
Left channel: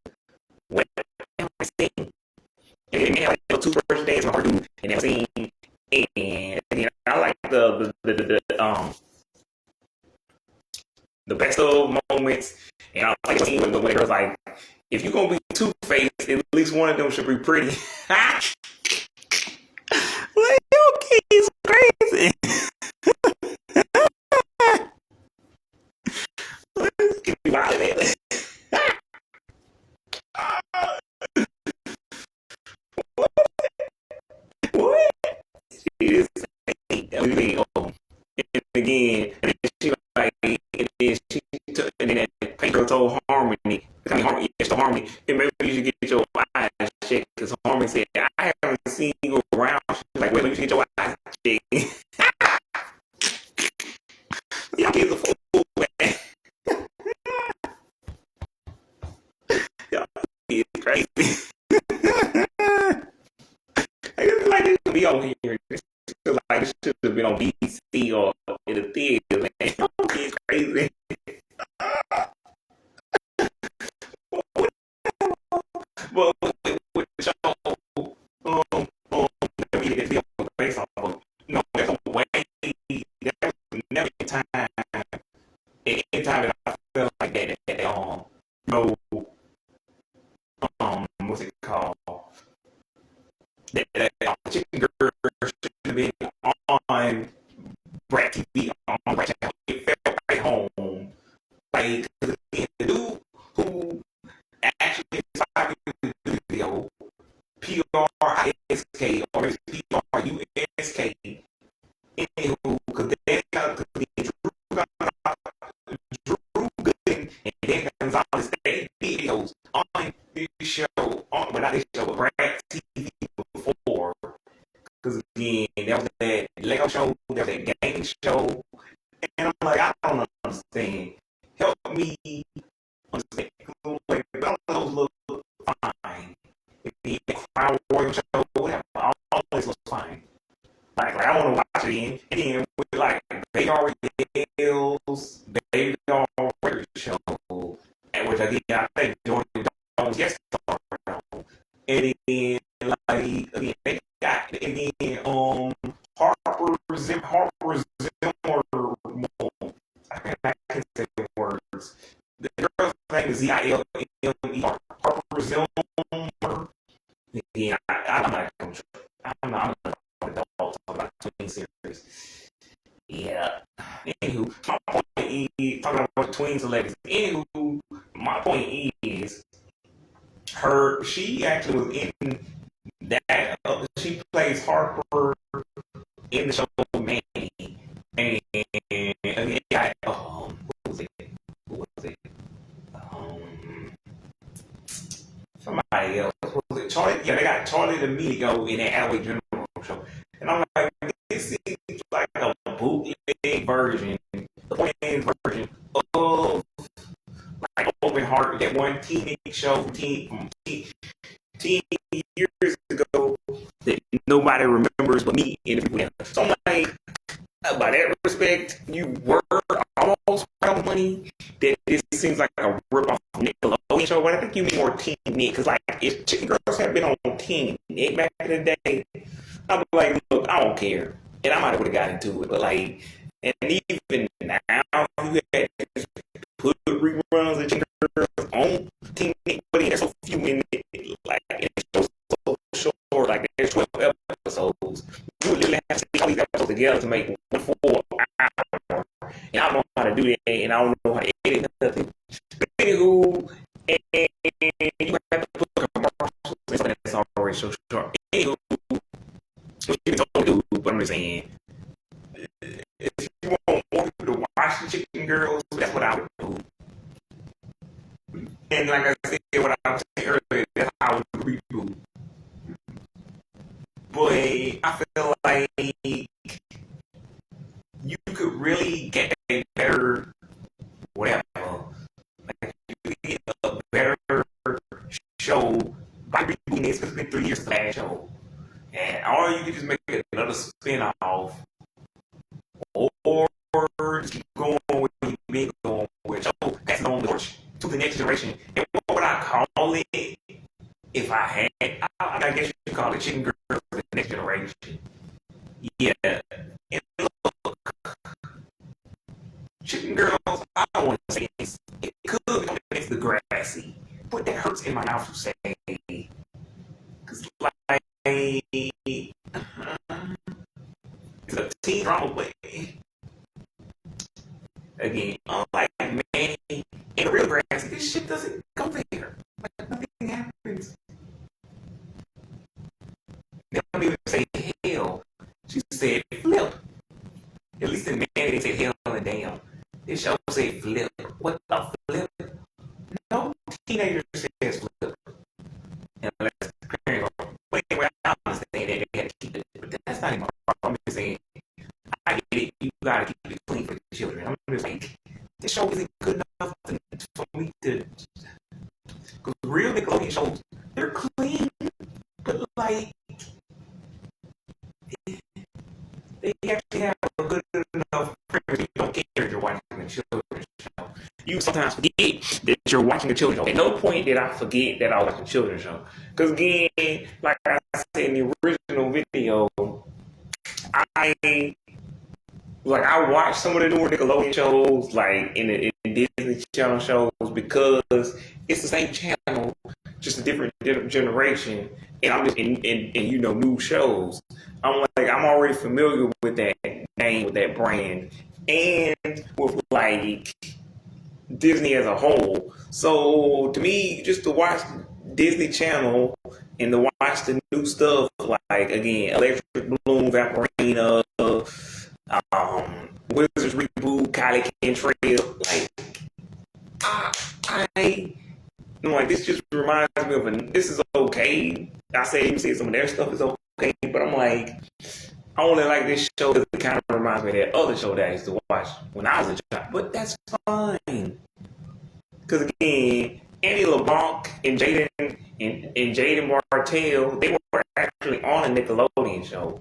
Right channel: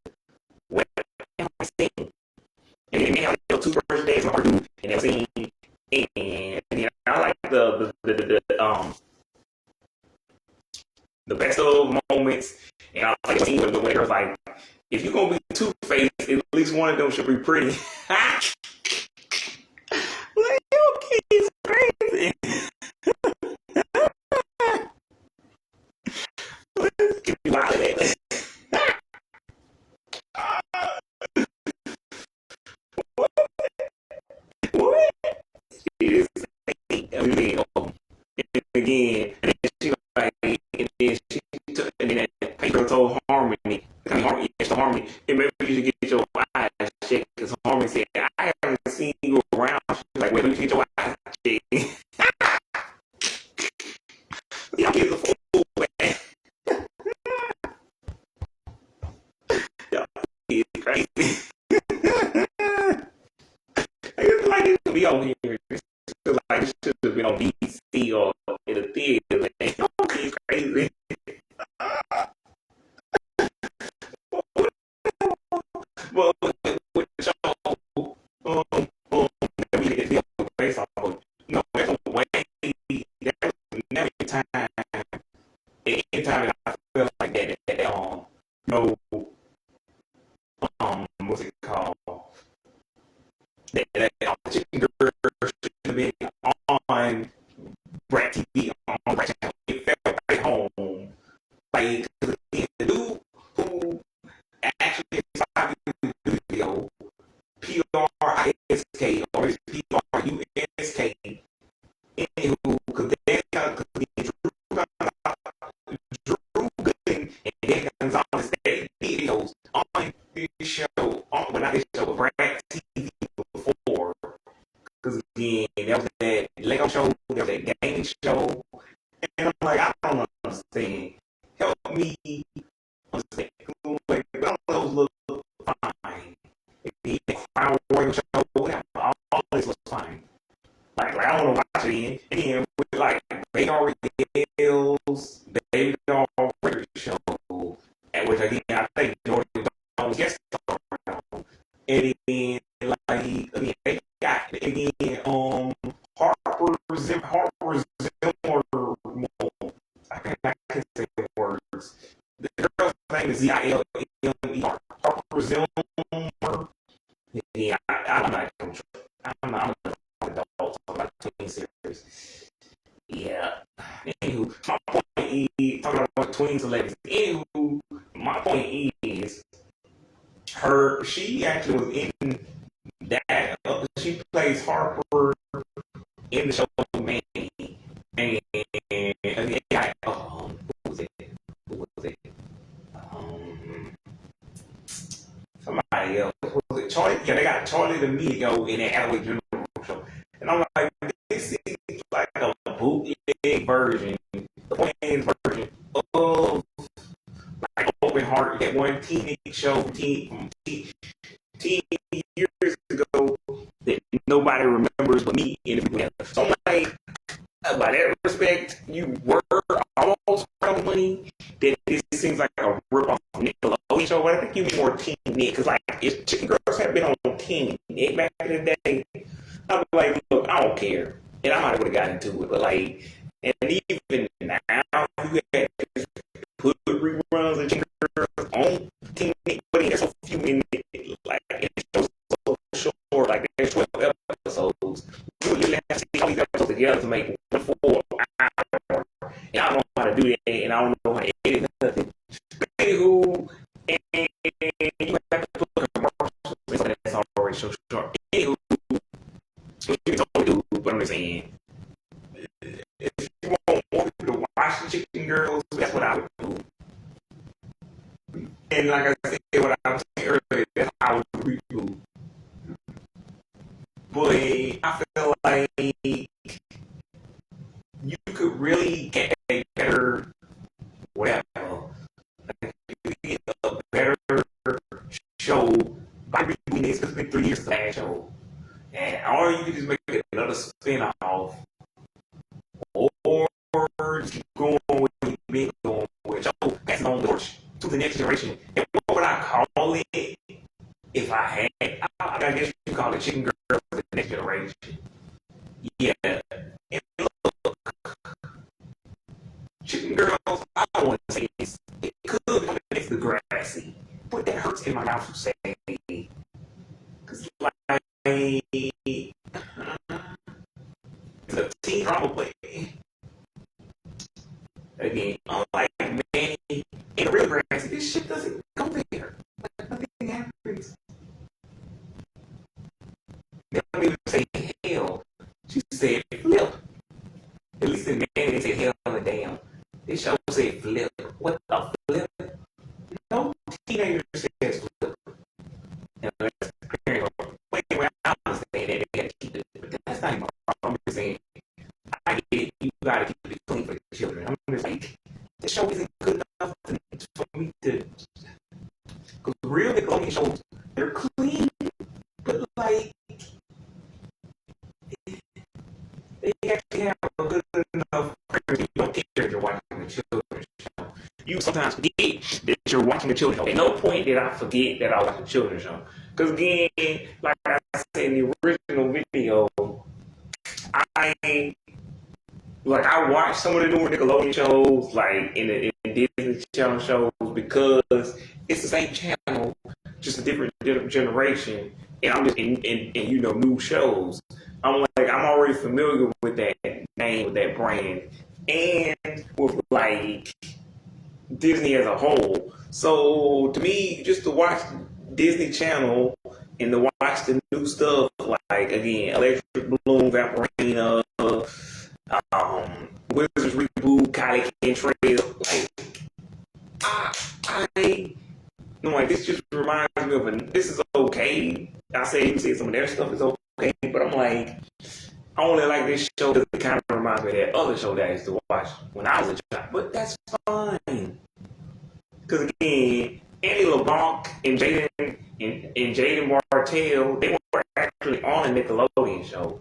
What the hell is it? And then I had 2 first days of arguing, and that scene, and I like the best of moments, and I like the scene with the way it was like, if you're gonna be two-faced, at least one of them should be pretty. Like, you kids crazy. Get me out of there. What? She is saying, and again, and then she like, and then she took, and then that girl told Harmony, Harmony, and maybe you should get your eyes checked, because Harmony said, I haven't seen you around. She's like, wait, let me get your eyes checked. Y'all kids are fool, man. Y'all kids crazy. It's like this be on here. It's like this should have been on BC or in the theater, man. Y'all kids crazy. Well, with the show, be on the face off. No, there's a way. There's never a time. Anytime that I feel like that no, what's it called? That Chicken Girl should have been on Brat TV on Brat Channel. It felt right home. Like, the dude who actually decided to do the video, Prisk, or is Prusk, anywho, because they got to be Drew Gooden and Dan Gonzalez, they videos on this show, but not this show, but Brad TV before. Because again, there was that Lego show, there was that game show, and I'm like, I don't understand. Help me understand. Like, those look fine. The Crown Royal show, all this was fine. Like I don't know watch it in. And then with like Baby Ariel's Baby Radio show, and which I think Jordan Jones guest star. And then like again they got again Harper Zimmer. I can say the words. The girl's name is Zilmer. Harper Zimmer. Yeah, I'm not adult about twin series. Yeah. Anywho, my point is talking about twin celebrities. Anywho, my point is she actually was in that. She plays Harper in the show Manny. And who was it? Somebody else. Was it Charlie? Yeah, they got Charlie D'Amelio in that Halloween General show. And I'm like, this seems like a bootleg version, the planned version of like Open Heart, that one teenage show, teen years ago that nobody remembers but me and everyone else. So I'm like, by that respect, you were almost proud of money. That this seems like a rip-off Nickelodeon show, but I think you mean more Teen Nick, because like if Chicken Girls had been on Teen Nick back in the day, I'd be like, look, I don't care, and I might have got into it, but like, and even now, you had to put reruns of Chicken Girls on Teen Nick, but there's so few in it, like it's so short, like there's 12 episodes. You would able to make one full hour, and I don't know how to do that, and I don't know how to edit nothing. Anywho, and you have to put commercials in something that's already so short. Anywho, but I'm just saying, if you want more people to watch the Chicken Girls, that's what I would do. And like I said, what I was saying earlier, that's how I would reboot. Boy, I feel like you could really get a better, whatever, like you could get a better show by rebooting this, because it's been 3 years the last show. And or you could just make it another spin-off, or just keep going with what you've been going with. So that's on the torch to the next generation. And what would I call it if I had? I guess you could call it Chicken Girls for the next generation. Yeah. And look, Chicken Girls, I don't want to say this. It could become next to Degrassi, but that hurts in my mouth to say. Because, like, it's a teen drama play. Again, unlike Manny in real Degrassi, this shit doesn't go there. Like, nothing happens. They don't even say hell. She said flip. At least in Manny, they say hell and damn. This show said flip. What the flip? No teenager says flip. Unless the parents are playing around and saying that they had to keep it. But that's not even wrong. I'm just saying, I get it. You gotta keep it clean for the children. I'm just like, this show isn't good enough for me to. Because real Nickelodeon shows, they're clean, but like, they actually have a good enough premise. You don't care if you're watching a children's show. You sometimes forget that you're watching a children's show. At no point did I forget that I was a children's show. Because again, like I said in the original video, I watch some of the newer Nickelodeon shows, like in the Disney Channel shows, because it's the same channel, just a different generation, and I'm just in you know, new shows. I'm already familiar with that name, with that brand, and with like Disney as a whole. So to me, just to watch Disney Channel and to watch the new stuff, like again, Electric Bloom, Vaporina, Wizards Reboot, Kylie Cantrell, like this just reminds me of this is okay. I say you say some of their stuff is okay, but I'm like, I only like this show because it kind of reminds me of that other show that I used to watch when I was a child. But that's fine, because again, Annie LeBlanc and Jaden Martell, they were actually on a Nickelodeon show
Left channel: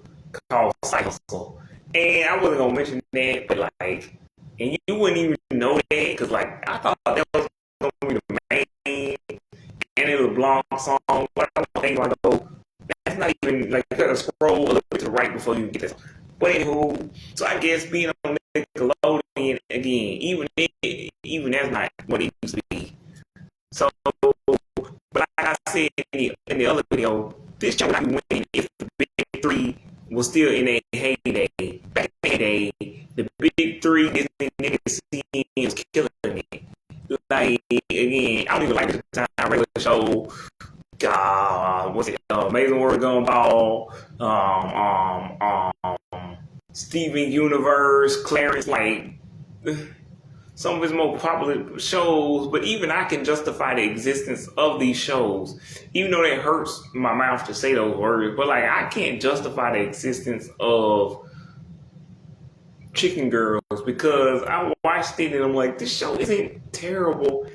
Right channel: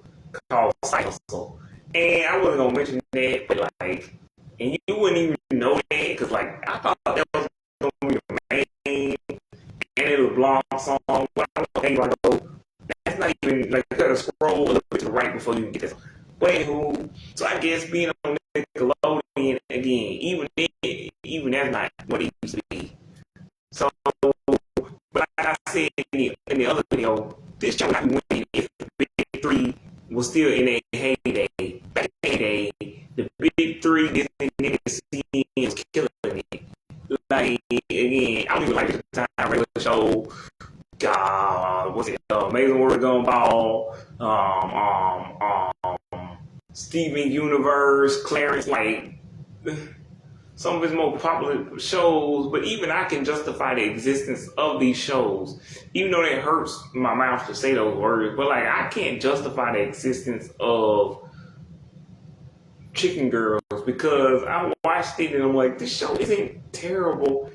called Cycle. And I wasn't gonna mention that, but like, and you wouldn't even know that, because like, I thought that was gonna be the main Annie LeBlanc song, but I don't think that's not even, like, you gotta scroll a little bit to the right before you get this. But anywho, so I guess being on Nickelodeon, again, even that's not what it used to be. So, but like I said in the other video, this show would be winning if the Big Three was still in a heyday. Back in the day, the Big Three Disney niggas was killing it. Like, again, I don't even like the time regular show. God, what's it? Amazing World Gumball, Steven Universe, Clarence, like some of his more popular shows. But even I can justify the existence of these shows, even though it hurts my mouth to say those words. But like, I can't justify the existence of Chicken Girls, because I watched it and I'm like, this show isn't terrible.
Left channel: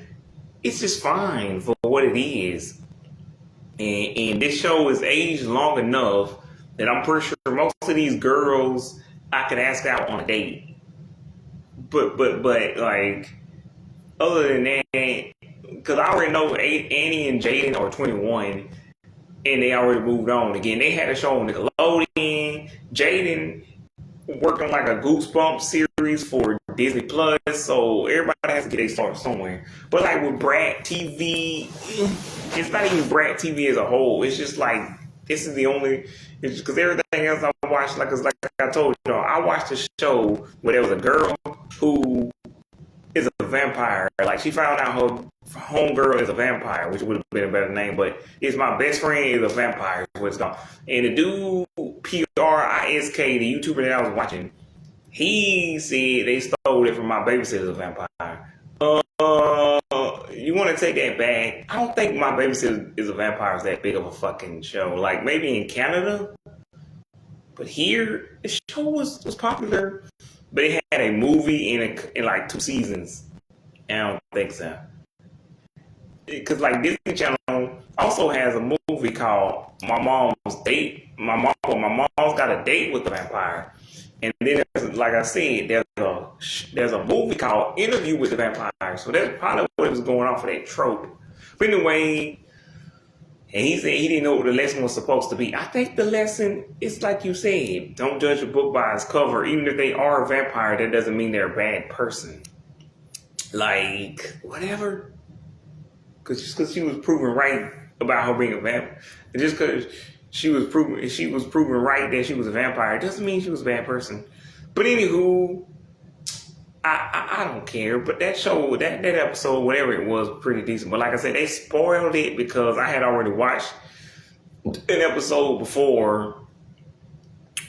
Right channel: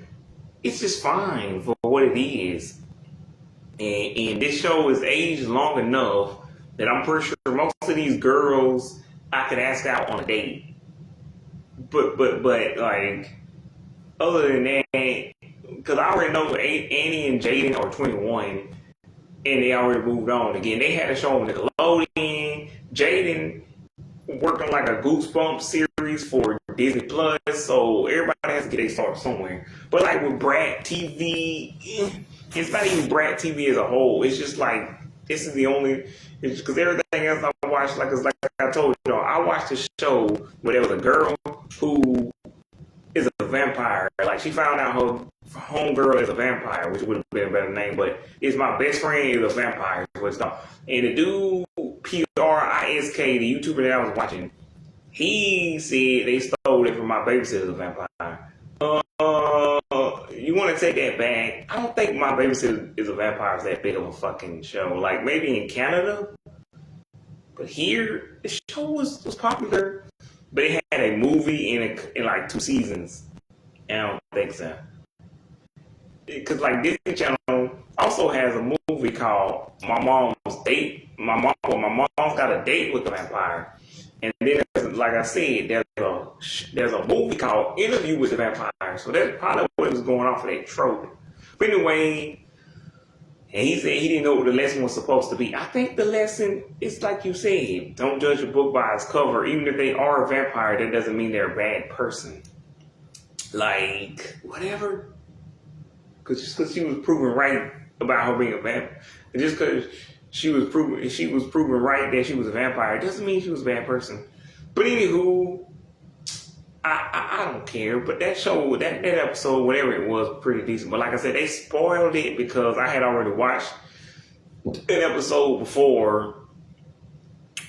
It's just fine for what it is. And this show is aged long enough that I'm pretty sure most of these girls I could ask out on a date. But like, other than that, because I already know Annie and Jaden are 21 and they already moved on. Again, they had a show on Nickelodeon. Jaden worked on like a Goosebumps series for Disney Plus, so everybody has to get a start somewhere. But like with Brat TV, it's not even Brat TV as a whole. It's just like, this is the only, it's because everything else I watch, like I told y'all, I watch watched a show where there was a girl who is a vampire. Like, she found out her homegirl is a vampire, which would have been a better name, but it's my best friend is a vampire, is what it's called. And the dude, Prisk, the YouTuber that I was watching, he said they stole it from my babysitter's vampire. You want to take that back? I don't think My Babysitter is a Vampire is that big of a fucking show. Like, maybe in Canada, but here, the show was popular. But it had a movie in like 2 seasons. And I don't think so. Because, like, Disney Channel also has a movie called My Mom's Date. My mom's got a date with the vampire. And then, like I said, there's a movie called Interview with the Vampire. So that's probably what was going off of that trope. But anyway, and he said he didn't know what the lesson was supposed to be. I think the lesson is like you said, don't judge a book by its cover. Even if they are a vampire, that doesn't mean they're a bad person. Like, whatever. Just because she was proven right about her being a vampire, just because she was proven right that she was a vampire, it doesn't mean she was a bad person. But anywho, I don't care. But that show, that episode, whatever it was pretty decent. But like I said, they spoiled it because I had already watched an episode before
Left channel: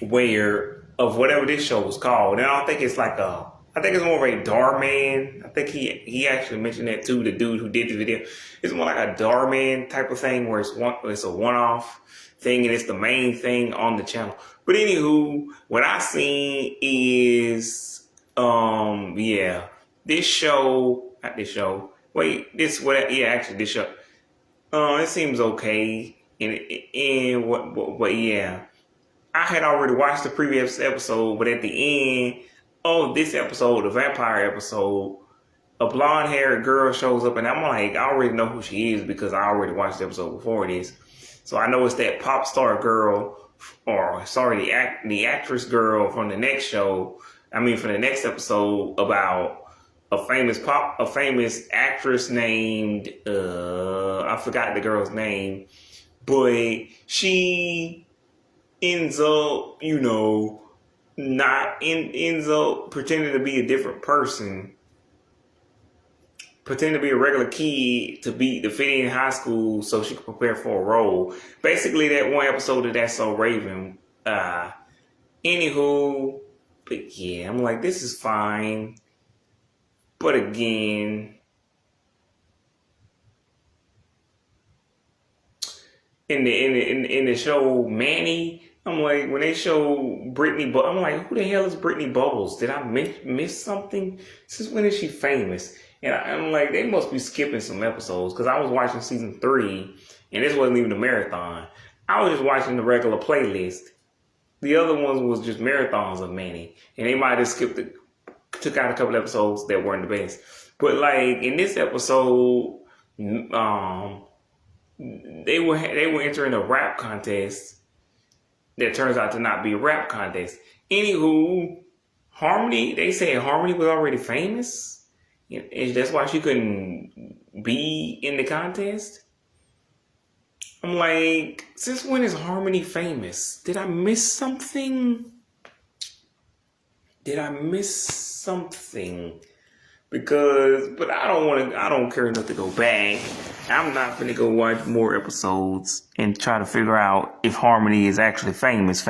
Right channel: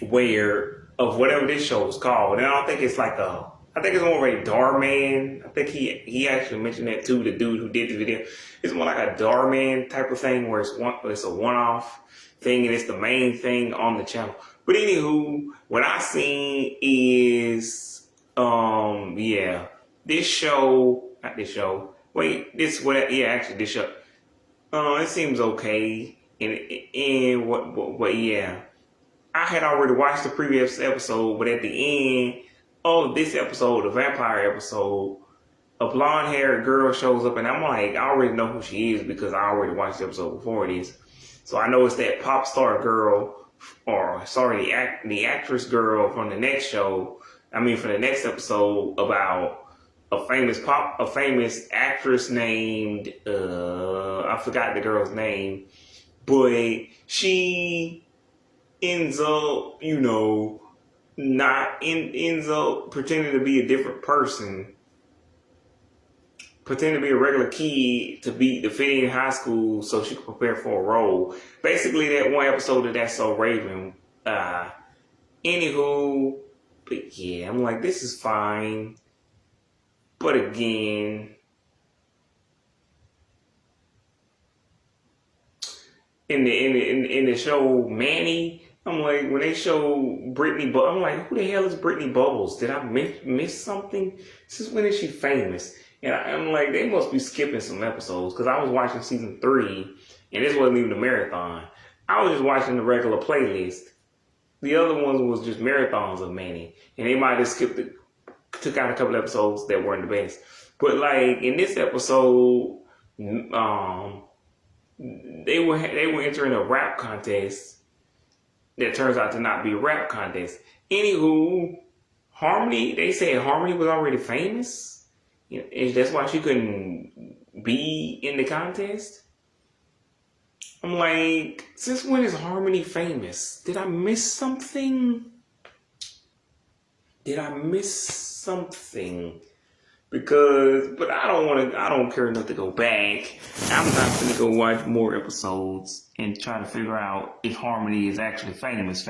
of whatever this show was called. And I think it's more of a Darman. I think he actually mentioned that too, the dude who did the video. It's more like a Darman type of thing where it's a one-off thing and it's the main thing on the channel. But anywho, what I seen is this show. It seems okay. I had already watched the previous episode, but at the end of this episode, the vampire episode, a blonde-haired girl shows up, and I'm like, I already know who she is because I already watched the episode before this. So I know it's that pop star girl, the actress girl from the next show. From the next episode about a famous actress named I forgot the girl's name, but she ends up, ends up pretending to be a different person. Pretend to be a regular kid to fit in high school so she could prepare for a role. Basically, that one episode of That's So Raven. Anywho, but yeah, I'm like, this is fine. But again, in the show Manny, I'm like, when they show Brittany, I'm like, who the hell is Brittany Bubbles? Did I miss something? Since when is she famous? And I'm like, they must be skipping some episodes because I was watching season 3, and this wasn't even a marathon. I was just watching the regular playlist. The other ones was just marathons of Manny, and they might have took out a couple episodes that weren't the best. But like in this episode, they were entering a rap contest that turns out to not be a rap contest. Anywho, Harmony, they said Harmony was already famous. And that's why she couldn't be in the contest. I'm like, since when is Harmony famous? Did I miss something? But I don't care enough to go back. I'm not going to go watch more episodes and try to figure out if Harmony is actually famous.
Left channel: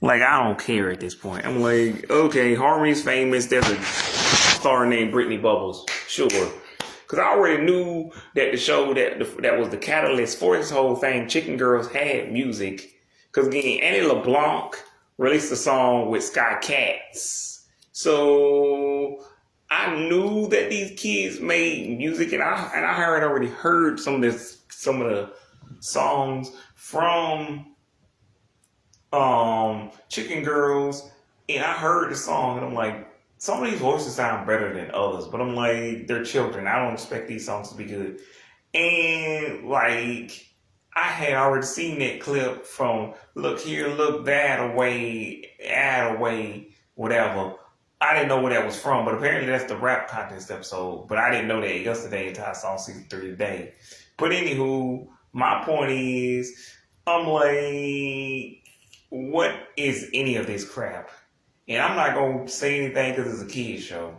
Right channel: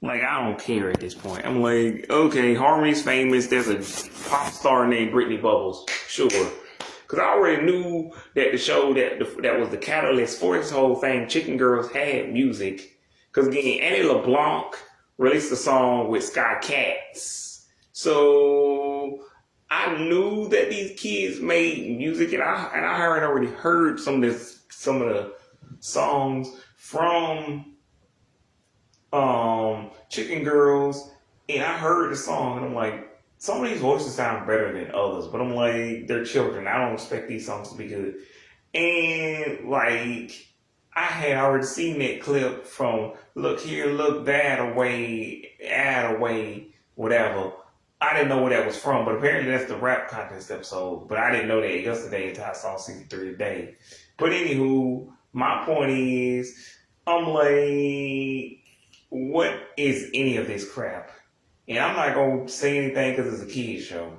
Like, I don't care at this point. I'm like, okay, Harmony's famous. There's a pop star named Brittany Bubbles. Sure. Because I already knew that the show that was the catalyst for this whole thing, Chicken Girls, had music. Because again, Annie LeBlanc released a song with Sky Cats. So I knew that these kids made music, and I had already heard some of the songs from Chicken Girls, and I heard the song, and I'm like, some of these voices sound better than others, but I'm like, they're children. I don't expect these songs to be good. And like, I had already seen that clip from Look Here, Look That Away, Add Away, whatever. I didn't know where that was from, but apparently that's the rap contest episode. But I didn't know that yesterday until I saw season 3 today. But anywho, my point is, I'm like, what is any of this crap? And I'm not going to say anything because it's a kid's show.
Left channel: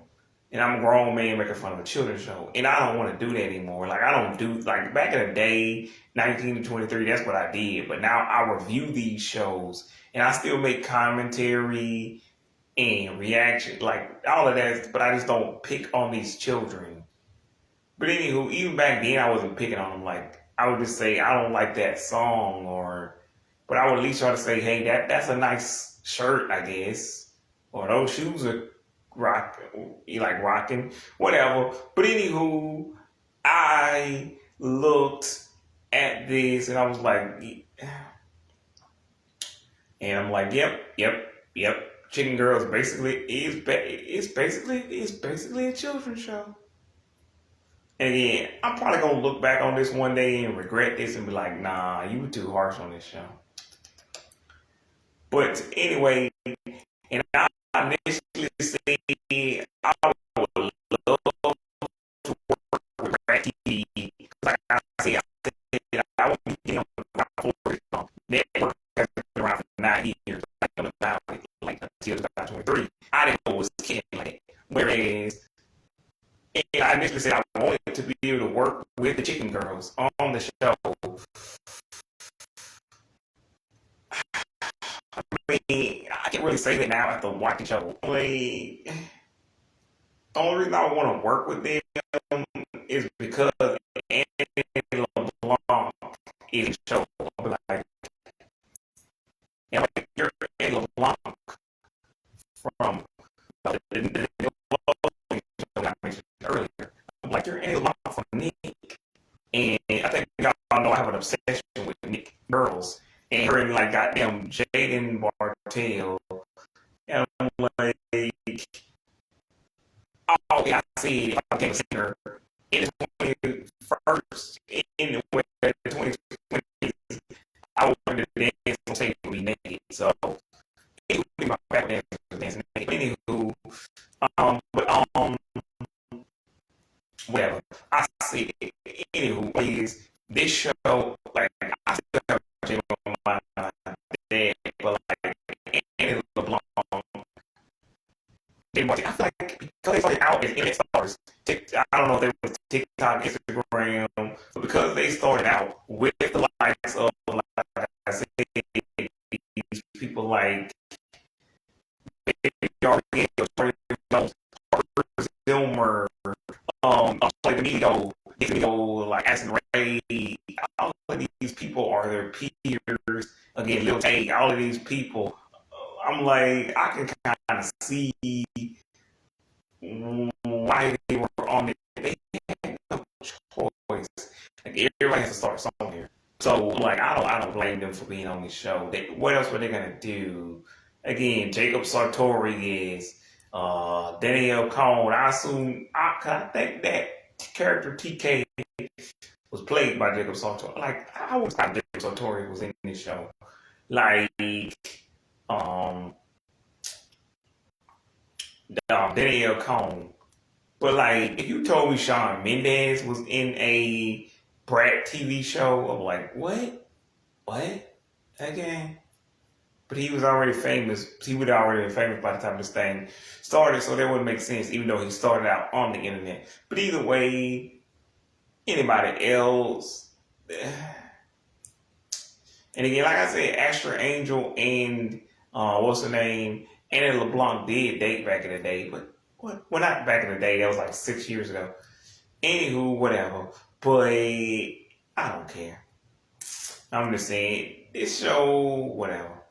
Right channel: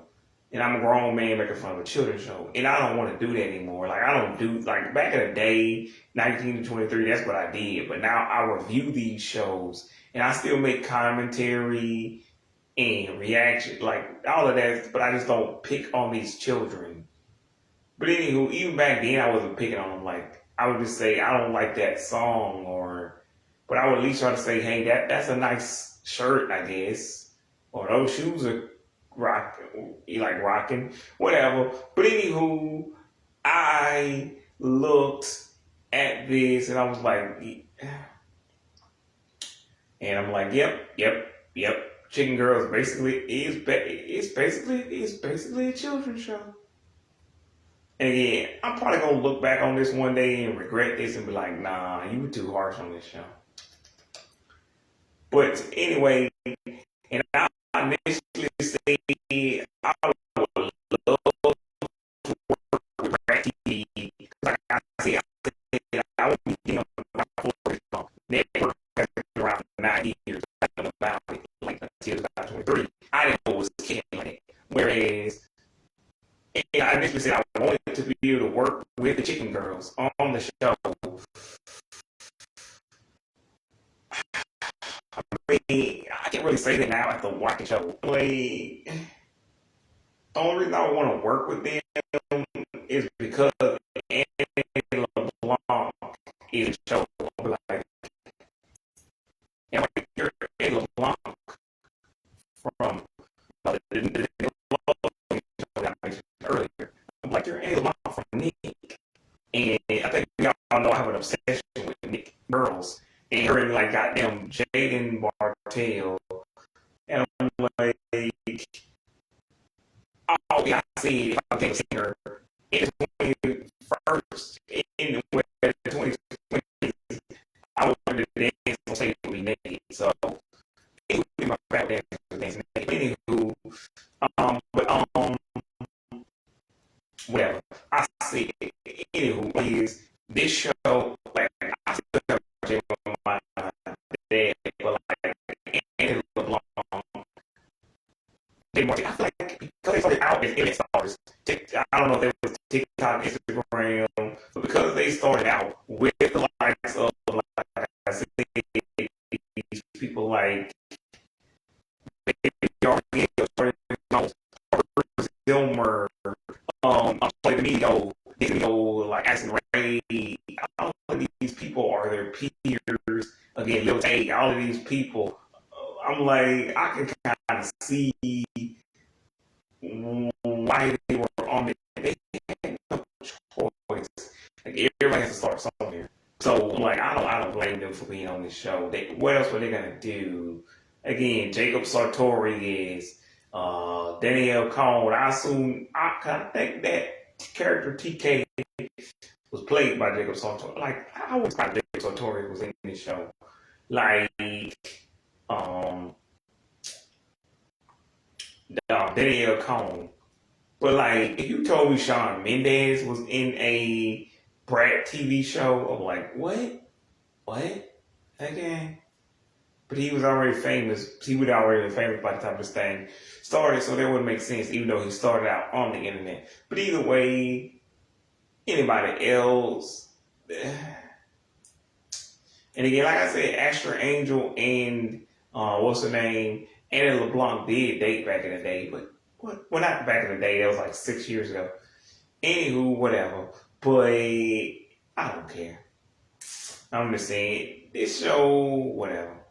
And I'm a grown man making fun of a children's show. And I don't want to do that anymore. Like, I don't do, like, back in the day, 19 to 23, that's what I did. But now I review these shows. And I still make commentary and reaction, like, all of that. But I just don't pick on these children. But anywho, even back then, I wasn't picking on them. Like, I would just say, I don't like that song. But I would at least try to say, hey, that's a nice shirt, I guess. Or those shoes are rocking, whatever. But anywho, I looked at this and I was like, yep. Chicken Girls is basically a children's show. And again, I'm probably gonna look back on this one day and regret this and be like, nah, you were too harsh on this show. But anyway, and I initially said I would love to work with Rat TV. Like I said, I would be getting about 4 network has been around for 9 years. I don't know about it, like until 2023. I didn't know it was killing. Whereas, I initially said I wanted to be able to work with the Chicken Girls on the show. I mean, I can't really say that now after watching the show. Like, the only reason I want to work with them is because Annie LeBlanc is the show. Like, and like, you're Annie LeBlanc from the earlier. I'm like, you're Annie LeBlanc from Nick. And I think we all know I have an obsession with Nick girls. And her and like goddamn Jaden Bartell. And I'm like, oh, yeah, I see. I can't see her in the 21st, in the 2020s. I wanted to dance on stage with me naked. So, it would be my favorite dance naked. Anywho, well, I see. Anywho, is this show, like, I still have Jim on my dad, but like, Annie LeBlanc, Jay Martin, I feel like because they started out as internet stars, I don't know if they was TikTok, Instagram, but because they started out with the likes of, like I said, these people like Zilmer, D'Amelio, like Addison Rae, all of these people are their peers. Again, Lil Tay, all of these people. I'm like, I can kind of see why they were on it. They had no choice. Like, everybody has to start somewhere. So, like, I don't blame them for being on this show. What else were they gonna do? Again, Jacob Sartori is Danielle Cohn. I think that character TK was played by Jacob Sartori. Like, I always thought Jacob Sartori was in this show. Like, Danielle Cohn. But like, if you told me Shawn Mendes was in a Brat TV show, I'm like, what? Again? But he was already famous. He would already been famous by the time this thing started, so that wouldn't make sense, even though he started out on the internet. But either way, anybody else. And again, like I said, Astra Angel and what's her name? Annie LeBlanc did date back in the day, but well, not back in the day. That was like 6 years ago. Anywho, whatever. But I don't care. I'm just saying, this show, whatever.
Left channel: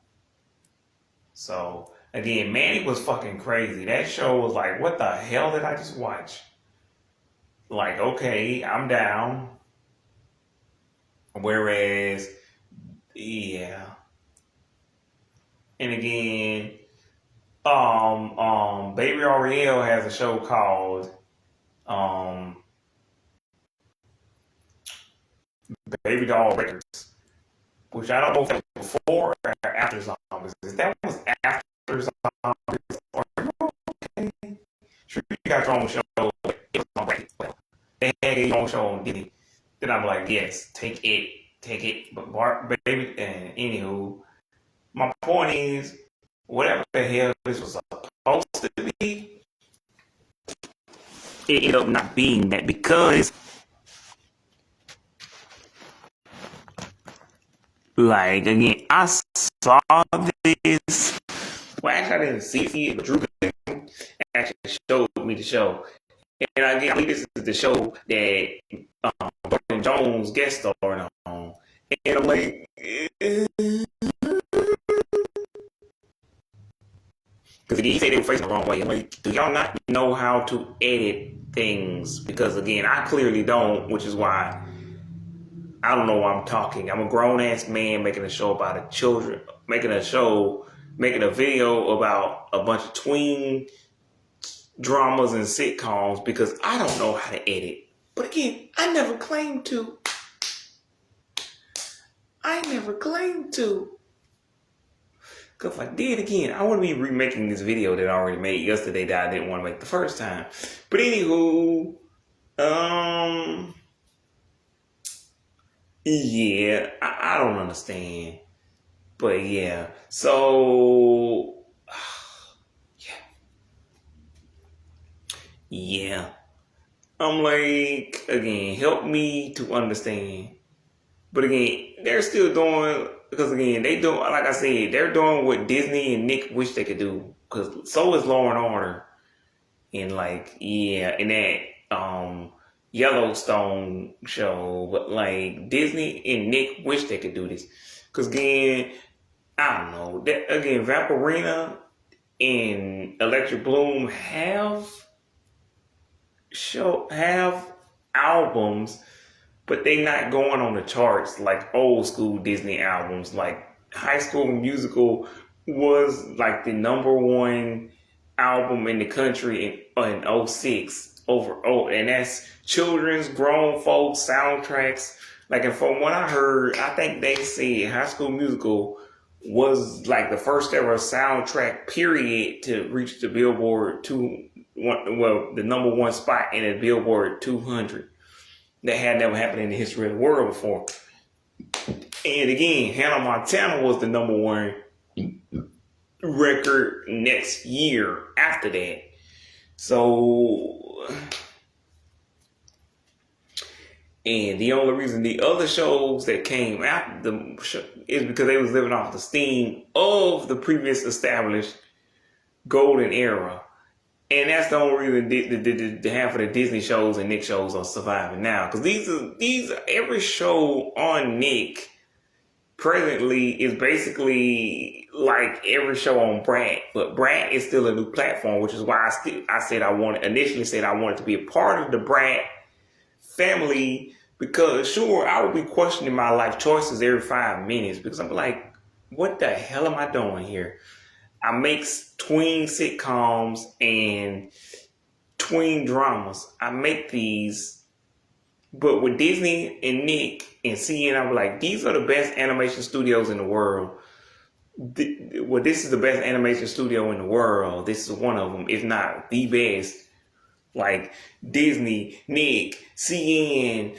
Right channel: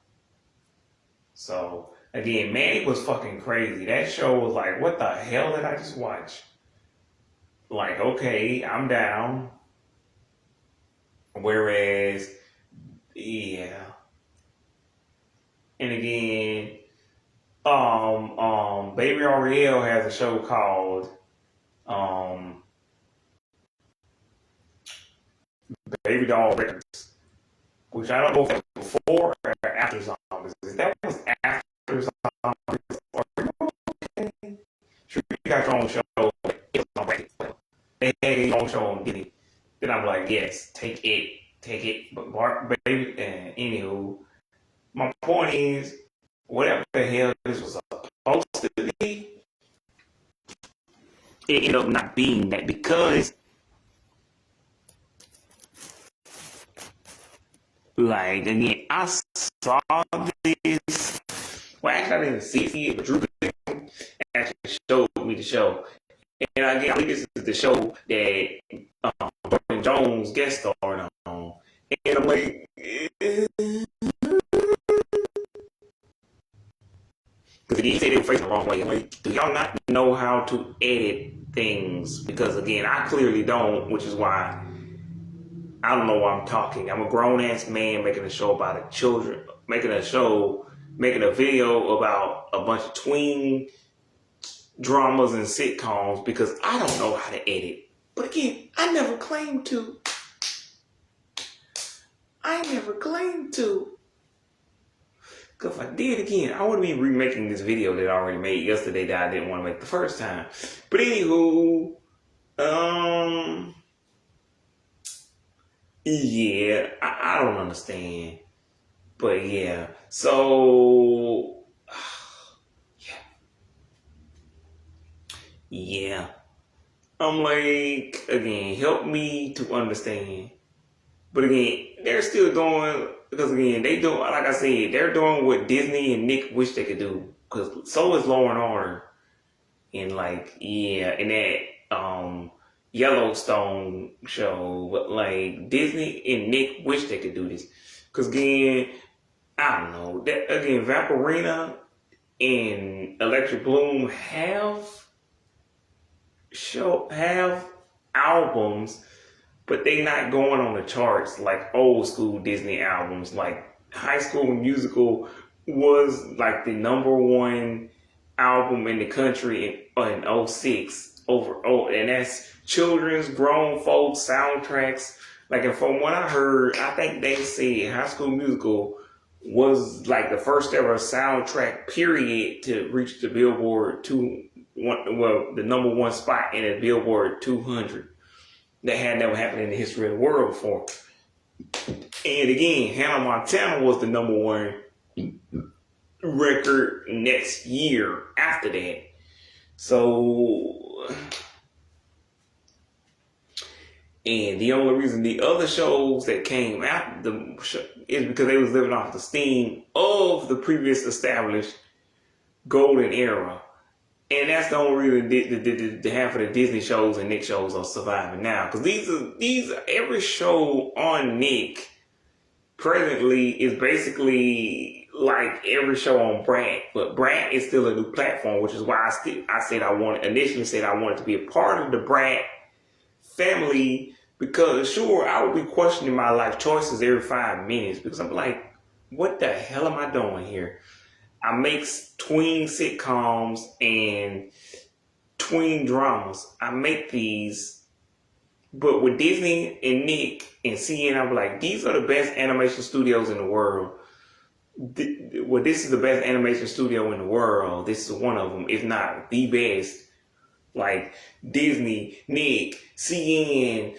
So, again, Manny was fucking crazy. That show was like, what the hell did I just watch? Like, okay, I'm down. Whereas, yeah. And again, Baby Ariel has a show called Baby Doll Records, which I don't know if that was before or after Zombies. If that was after Zombies, or okay, sure, you got your own show. It was on Records. Well, they had their own show on Disney. Then I'm like, yes, take it. But baby, and anywho, my point is, whatever the hell this was it ended up not being that because, like, again, I saw this. Well, actually, I didn't see it, but Drew actually showed me the show. And again, I think this is the show that Burton Jones guest starred on. And I'm like, because again, he said they were facing the wrong way. I'm like, do y'all not know how to edit things? Because again, I clearly don't, which is why I don't know why I'm talking. I'm a grown ass man making a show about children, making a video about a bunch of tween dramas and sitcoms because I don't know how to edit. But again, I never claimed to. Because if I did again, I want to be remaking this video that I already made yesterday that I didn't want to make the first time. But anywho, yeah, I don't understand. But yeah, so, yeah. I'm like, again, help me to understand. But again, they're still doing, because again, they do, like I said, they're doing what Disney and Nick wish they could do. Because so is Law and Order. And like, yeah, and that Yellowstone show. But like, Disney and Nick wish they could do this. Because again, I don't know. That, again, Vampirina and Electric Bloom have albums, but they not going on the charts like old school Disney albums. Like High School Musical was like the number one album in the country in 06 and that's children's, grown folks soundtracks. Like, and from what I heard, I think they said High School Musical was like the first ever soundtrack period to reach the Billboard the number one spot in the Billboard 200. That had never happened in the history of the world before. And again, Hannah Montana was the number one record next year after that. So, and the only reason the other shows that came after the show is because they was living off the steam of the previous established golden era. And that's the only reason the half of the Disney shows and Nick shows are surviving now. Because these are every show on Nick presently is basically like every show on Brat. But Brat is still a new platform, which is why I initially said I wanted to be a part of the Brat family. Because sure, I would be questioning my life choices every 5 minutes. Because I'm like, what the hell am I doing here? I make tween sitcoms and tween dramas. I make these, but with Disney and Nick and CN, I'm like, these are the best animation studios in the world. Well, this is the best animation studio in the world. This is one of them, if not the best. Like Disney, Nick, CN,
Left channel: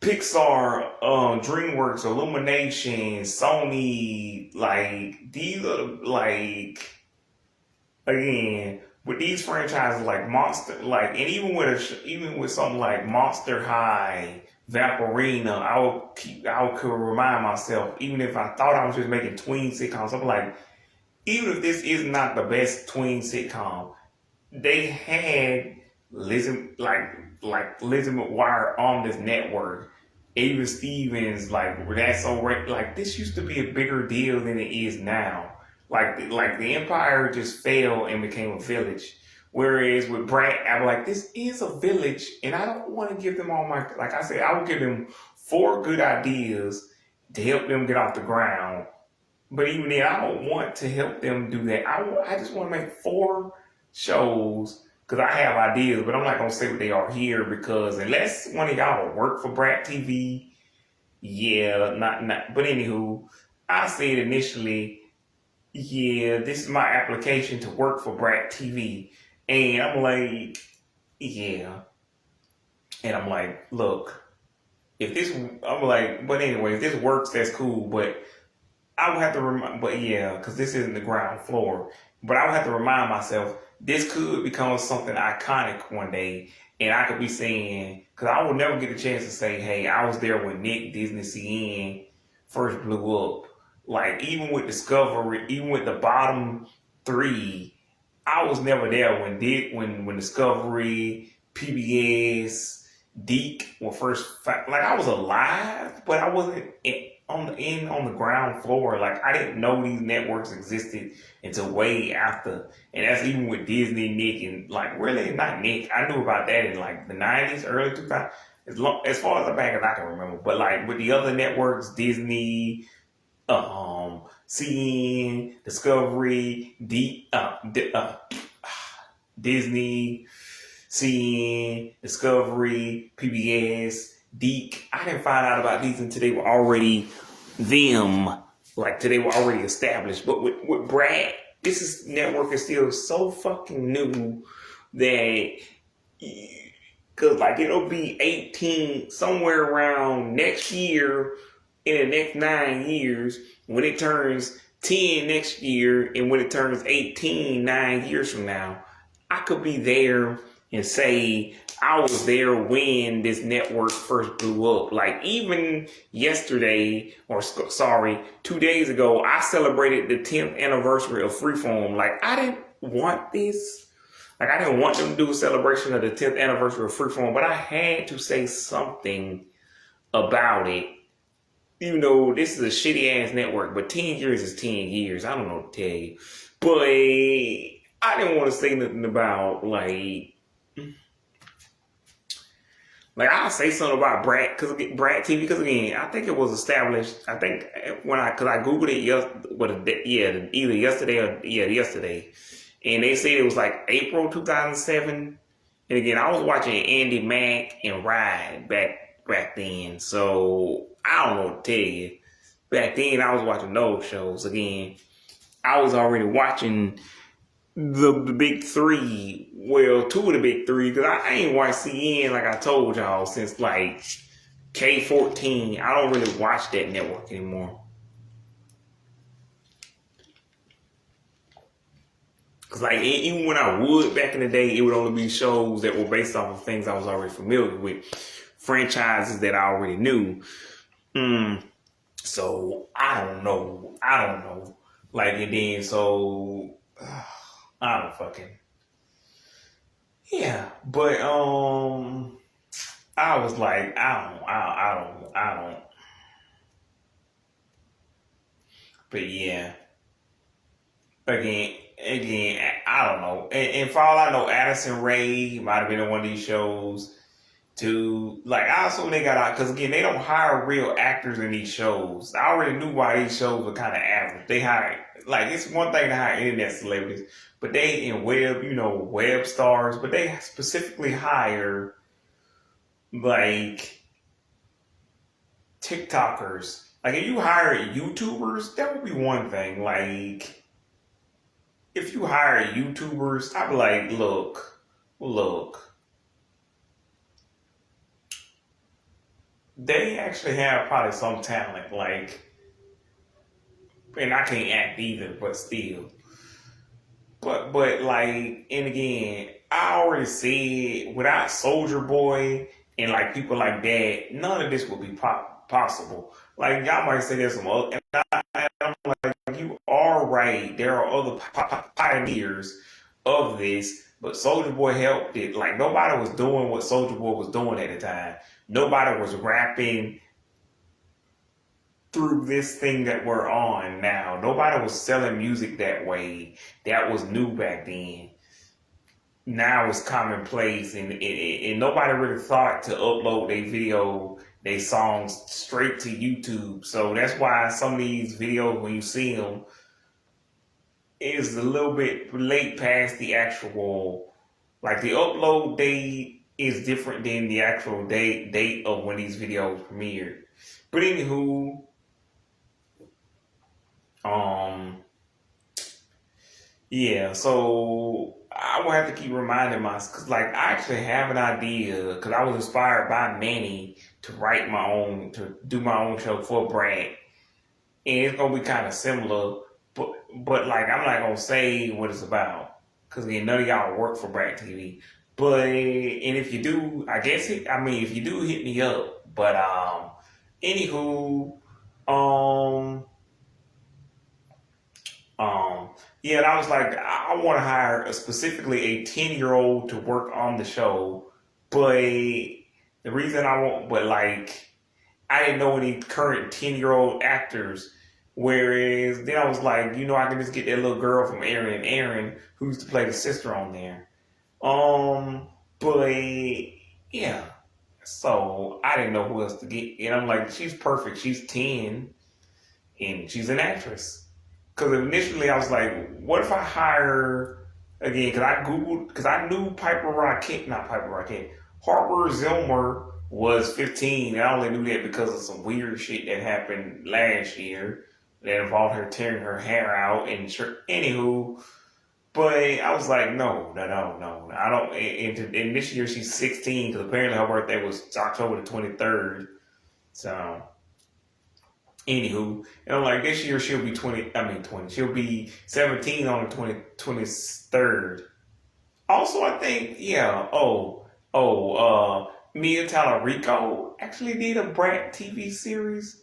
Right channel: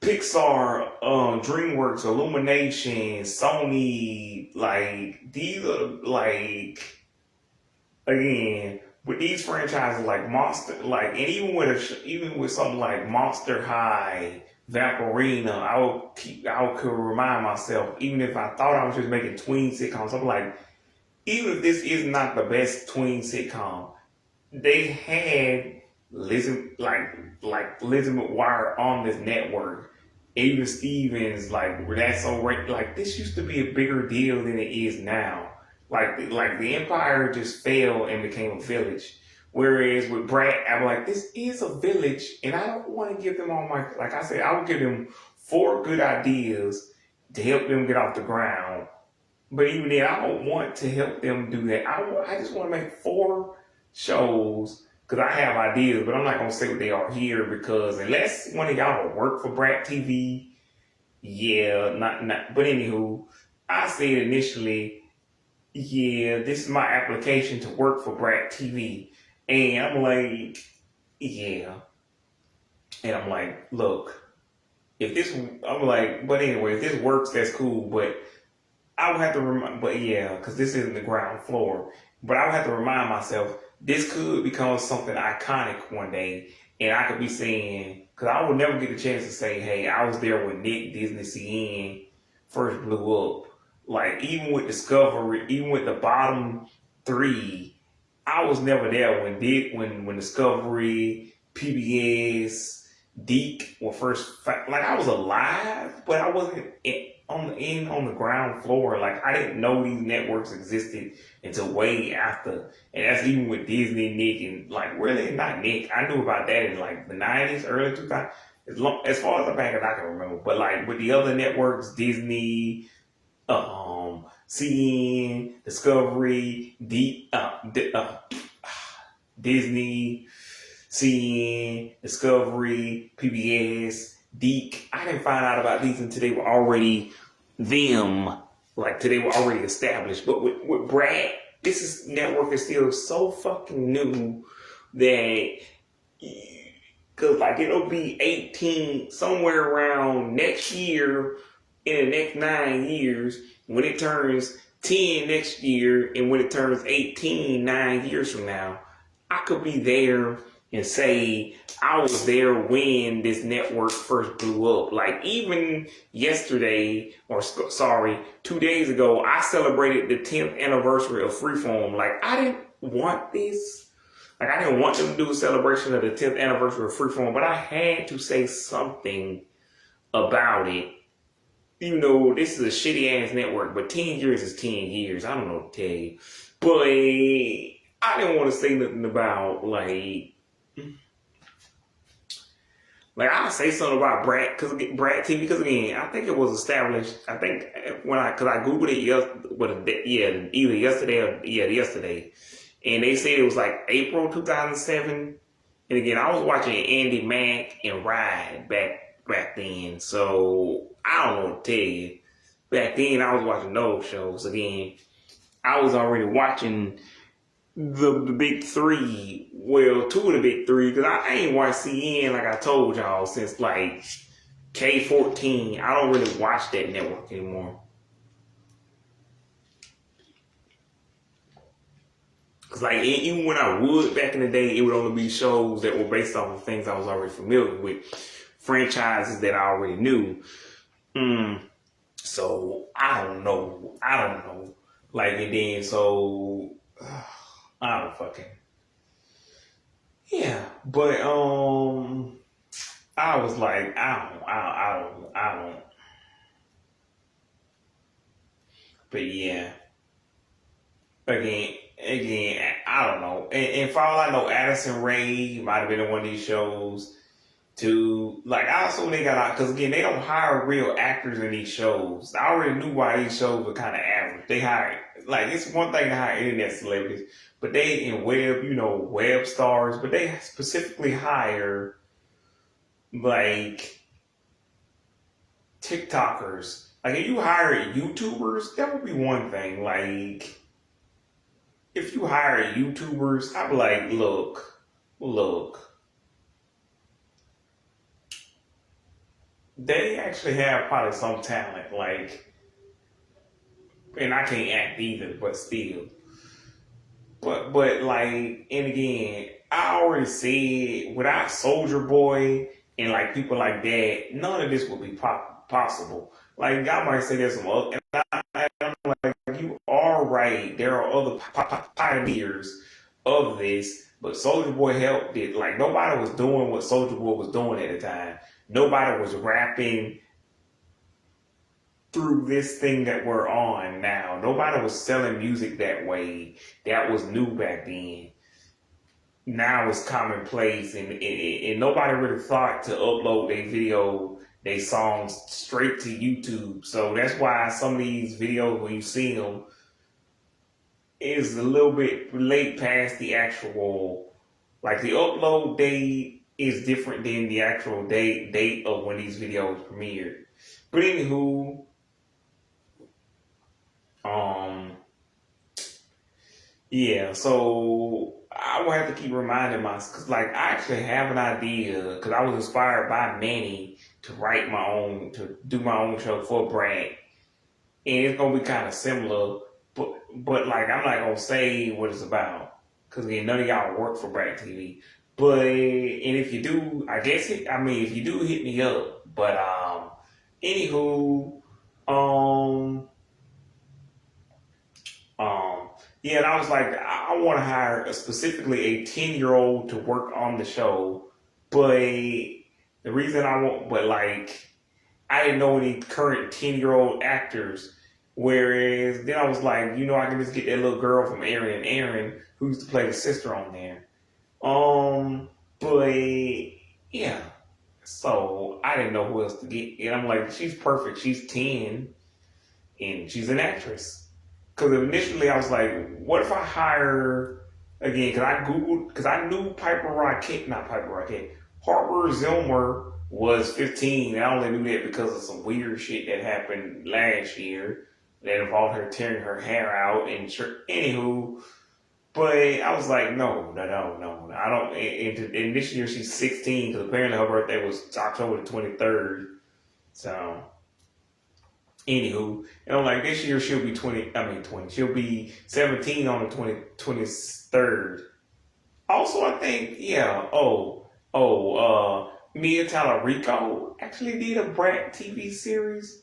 Pixar, DreamWorks, Illumination, Sony, like, these are, like, again, with these franchises like Monster, like, and even with something like Monster High, Vampirina, I could remind myself, even if I thought I was just making tween sitcoms, I'm like, even if this is not the best tween sitcom, they had Lizzie McGuire on this network. Ava Stevens, like, that's so like, this used to be a bigger deal than it is now. Like the empire just fell and became a village. Whereas with Brat, I'm like, this is a village, and I don't want to give them all my, like I said, I would give them 4 good ideas to help them get off the ground. But even then, I don't want to help them do that. I just want to make 4 shows. Because I have ideas, but I'm not going to say what they are here because unless one of y'all will work for Brat TV, yeah, not. But anywho, I said initially, yeah, this is my application to work for Brat TV. And I'm like, yeah. And I'm like, look, if this works, that's cool. But I would have to remind, but yeah, because this isn't the ground floor. But I would have to remind myself this could become something iconic one day, and I could be saying, because I would never get the chance to say, hey, I was there when Nick Disney CN first blew up. Like even with Discovery, even with the bottom three, I was never there when Discovery, PBS, Deke were first. Like I was alive, but I wasn't on the ground floor. Like I didn't know these networks existed until way after. And that's even with Disney, Nick, and like really not Nick. I knew about that in like the 90s, early 2000s, as far as back as I can remember. But like with the other networks, Disney, CN, Discovery, Disney, CN, Discovery, PBS, Deke. I didn't find out about these until they were already like today were already established. But with Brad, this network is still so fucking new that, because like it'll be 18 somewhere around next year, in the next 9 years, when it turns 10 next year, and when it turns 18 9 years from now, I could be there and say I was there when this network first blew up. Like even yesterday, 2 days ago, I celebrated the 10th anniversary of Freeform. Like I didn't want this. Like I didn't want them to do a celebration of the 10th anniversary of Freeform, but I had to say something about it. Even though this is a shitty ass network, but 10 years is 10 years. I don't know what to tell you. But I didn't want to say nothing about I'll say something about Brad TV, because again, I think it was established. I think because I googled it either yesterday, and they said it was like April 2007. And again, I was watching Andy Mack and Ride back then, so I don't know what to tell you. Back then, I was watching those shows. Again, I was already watching the big three. Well, two of the big three, because I ain't watched CN like I told y'all since like K14. I don't really watch that network anymore. Cause like even when I would back in the day, it would only be shows that were based off of things I was already familiar with, franchises that I already knew. So I don't know. Like and then so I don't fucking. Yeah, but I was like, I don't. But yeah, again, I don't know. And for all I know, Addison Rae might have been on one of these shows too. Like I also they got out, because again, they don't hire real actors in these shows. I already knew why these shows were kind of average. They hire, like, it's one thing to hire internet celebrities, but they in web stars, but they specifically hire like TikTokers. Like if you hire YouTubers, that would be one thing. Like if you hire YouTubers, I'd be like, look. They actually have probably some talent, like, and I can't act either, but still. But like, and again, I already said, without Soldier Boy and like people like that, none of this would be possible. Like y'all might say there's some other, and I'm like, you are right. There are other pioneers of this, but Soldier Boy helped it. Like nobody was doing what Soldier Boy was doing at the time. Nobody was rapping through this thing that we're on now. Nobody was selling music that way. That was new back then. Now it's commonplace, and nobody really thought to upload their songs straight to YouTube. So that's why some of these videos, when you see them, is a little bit late past the actual, like the upload date is different than the actual date of when these videos premiered. But anywho, yeah, so I will have to keep reminding myself, because like I actually have an idea, because I was inspired by Manny to do my own show for Brad. And it's going to be kind of similar. but like I'm not gonna say what it's about because again, none of y'all work for Brat TV. But and if you do, I guess I mean if you do, hit me up. But anywho, um, um, yeah, and I was like, I want to hire specifically a 10-year-old to work on the show, but the reason I want, but like I didn't know any current 10-year-old actors. Whereas then I was like, I can just get that little girl from Aaron and Aaron who used to play the sister on there. But yeah, so I didn't know who else to get. And I'm like, she's perfect. She's 10 and she's an actress. Because initially I was like, what if I hire again? Because I Googled, because I knew not Piper Rocket, Harper Zilmer was 15. And I only knew that because of some weird shit that happened last year that involved her tearing her hair out. And sure, anywho, but I was like, no. I don't. And this year she's 16 because apparently her birthday was October the 23rd. So, anywho, and I'm like, this year she'll be 20. I mean, 20. She'll be 17 on the 23rd. Also, I think, yeah. Mia Tallarico actually did a Brat TV series.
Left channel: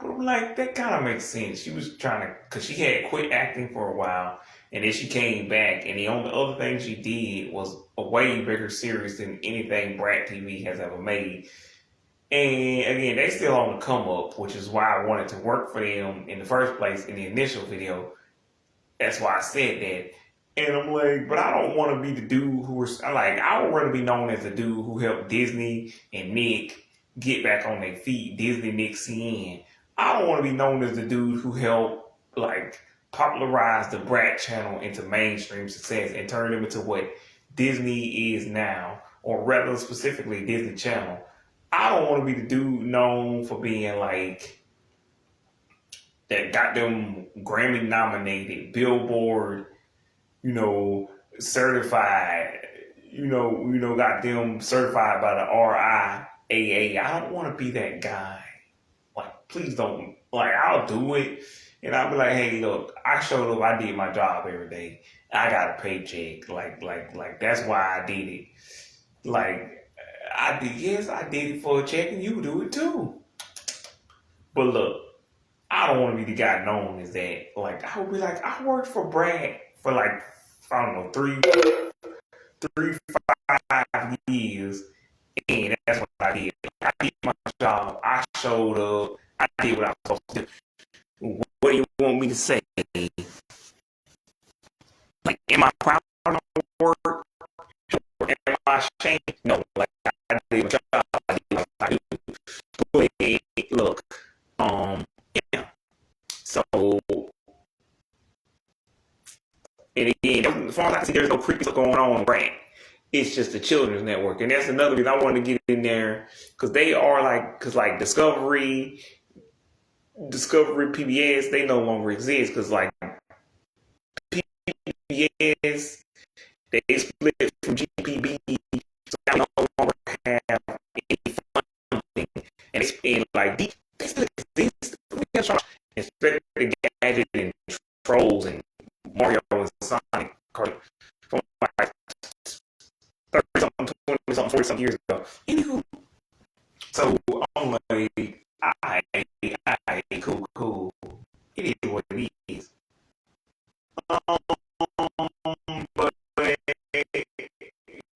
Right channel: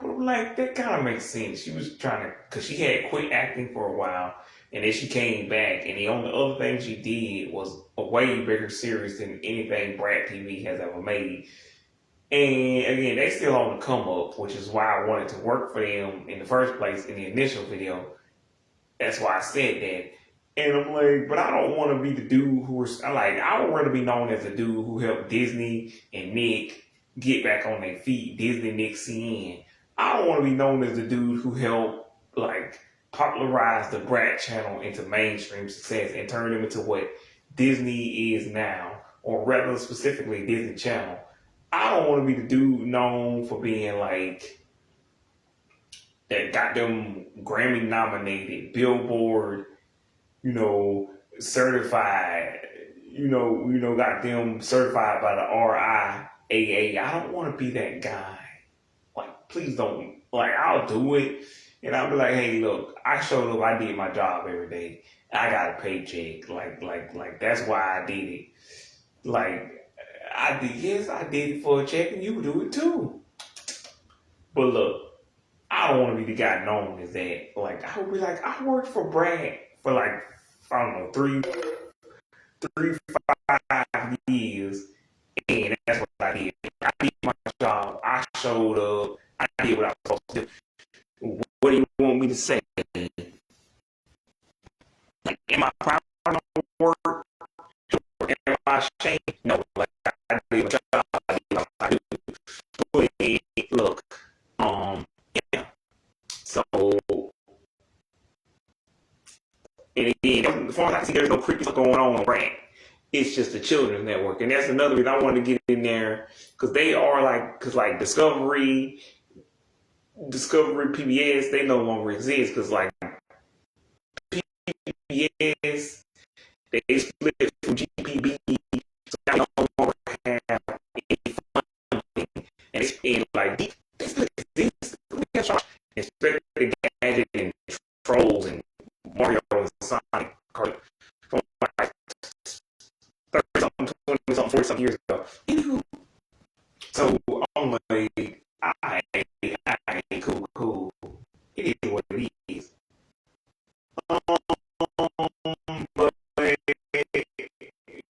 But I'm like, that kind of makes sense. She was trying to, because she had quit acting for a while, and then she came back, and the only other thing she did was a way bigger series than anything Brat TV has ever made. And again, they still on the come up, which is why I wanted to work for them in the first place in the initial video. That's why I said that. And I'm like, but I don't want to be the dude who was, I would rather be known as the dude who helped Disney and Nick get back on their feet. Disney, Nick, CN. I don't want to be known as the dude who helped, like, popularize the Brat channel into mainstream success and turn them into what Disney is now, or rather specifically Disney Channel. I don't want to be the dude known for being like that got them Grammy nominated, Billboard, certified, got them certified by the RIAA. I don't want to be that guy. Like, please don't. Like, I'll do it, and I'll be like, hey, look, I showed up, I did my job every day, I got a paycheck. Like that's why I did it. Like, I did it for a check, and you do it too. But look, I don't want to be the guy known as that. Like, I would be like, I worked for Brad for like, I don't know, three, 5 years, and that's what I did. I did my job. I showed up. I did what I was supposed to do. What do you want me to say? Like, am I proud of my work? Am I ashamed? No. Like, I did my job. I did what I do. But look, yeah. So, and again, as far as I see, there's no creepy stuff going on, right? It's just the Children's Network, and that's another reason I wanted to get in there because they are like Discovery, PBS, they no longer exist because like PBS, they split from GPB, so they no longer have any funding, and it's in like they still exist. Inspector Gadget and Trolls and Mario and Sonic from like 30 something, 20 something, 40 something years ago. Anywho, so I'm like, I cool. It is what it is. But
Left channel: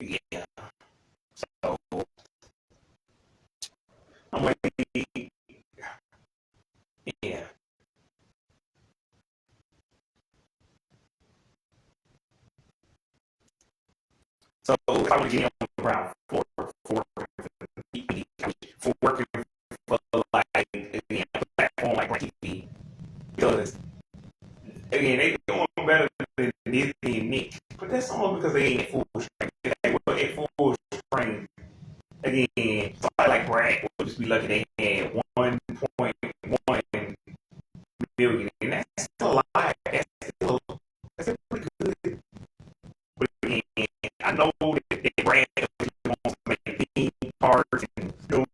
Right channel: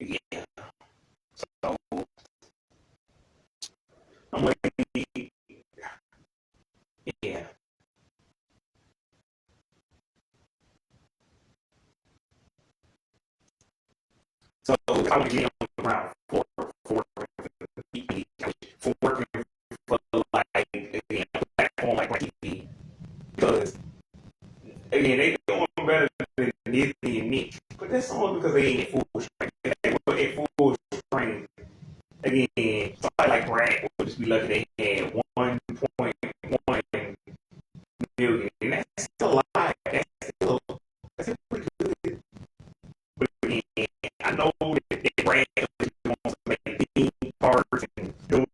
yeah, so I'm like, yeah. So I was getting around for working for like a platform like TV because again they doing better than Disney and Nick, but that's only because they ain't full strength. They were at full strength. Again, somebody like Brad would just be lucky they had 1.1 billion, and that's still a lot. That's still pretty good. But again, I know that Brad wants to make theme parks and do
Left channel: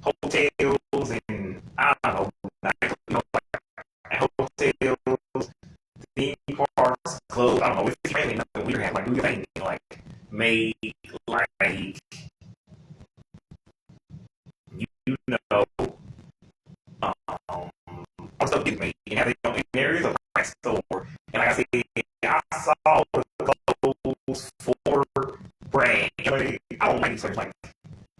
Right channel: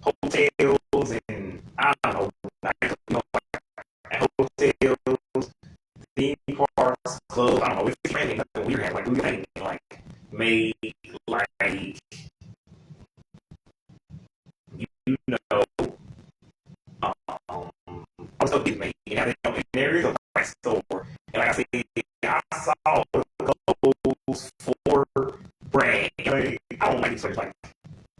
hotels and I don't know, like do your thing, like make like you know also get made. And there is a price store. And like I said, I saw those 4 brands. I don't like these like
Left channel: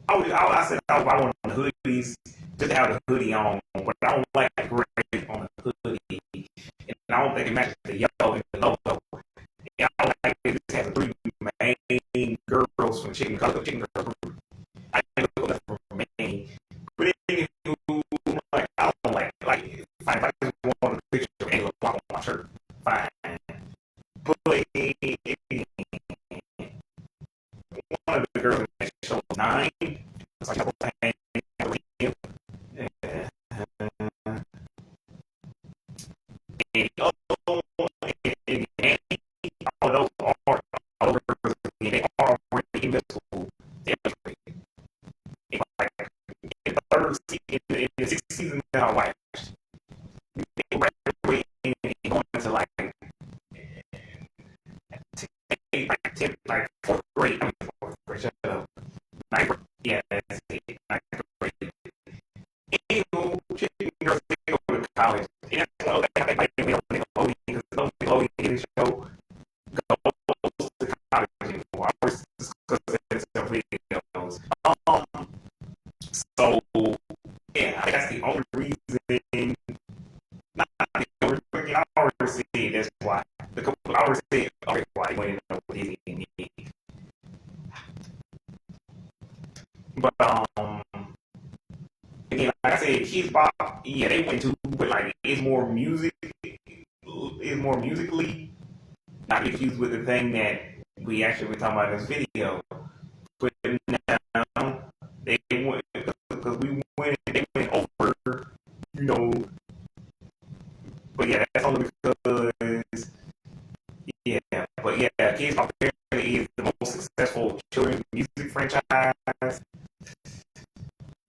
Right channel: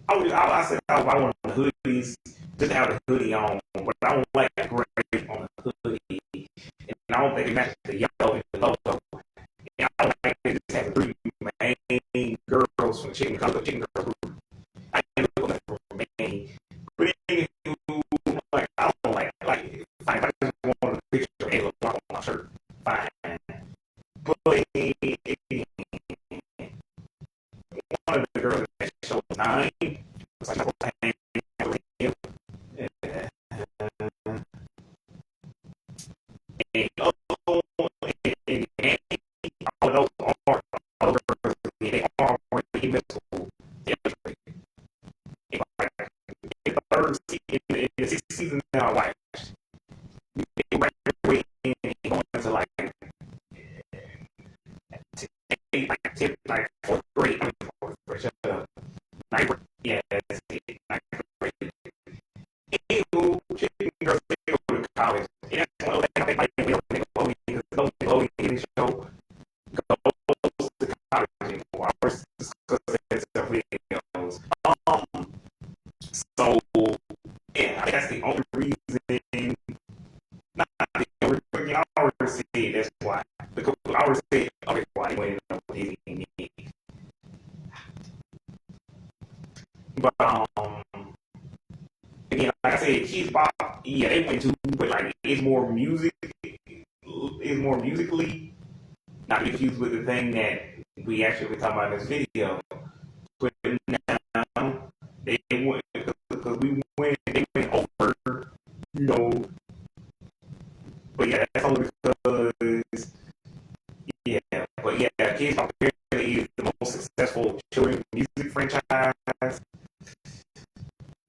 I said I want hoodies, just have the hoodie on, but I don't like gray on the hoodie. And I don't think it matches the yellow and the logo. And I don't like it just have 3 main girls from Chicken Girls group. I think that's for me. But then like I don't like fine, if I just want a picture of Halo on my shirt, fine. But one of the girls that showed 9 was like in the 6th season that I watched, they graduated and going to like 4th grade. I mean, 4th grade. Shut up. 9th grade. Yeah, that's it. 9th grade. Anywho, Chicken Girls, they go to college. And that's why they have Nickelodeon, because Nickelodeon show goes to college anymore. I was discussing some videos. So, yeah, that's the only reason. Not the only reason. I already said that's why. Because I already said why they went in there with Disney. But again, like I said, Kids Bop, yeah, they went to, but like it's more musically. Not confused with the thing that we actually were talking about in this video. But now they went because they went over, you know. But yeah, that's only because but yeah, Kids Bop apparently is the most successful children's music franchise.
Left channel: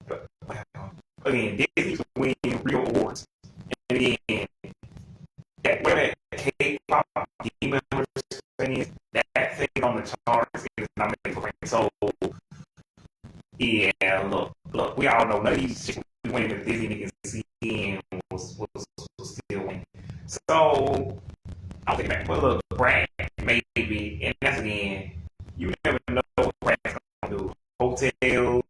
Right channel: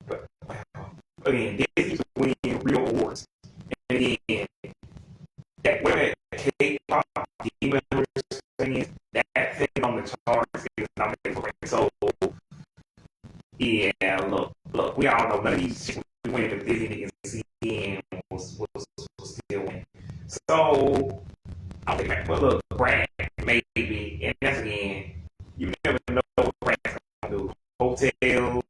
But again, Disney's winning real awards. And again, where that K-pop demon was singing, that thing on the charts is nominated for it. So yeah, look, we all know none of these chicks winning the Disney niggas seeing was still winning. So I'll take that. But look, Brad, maybe, and that's again, you never know what Brad's gonna do. Hotels,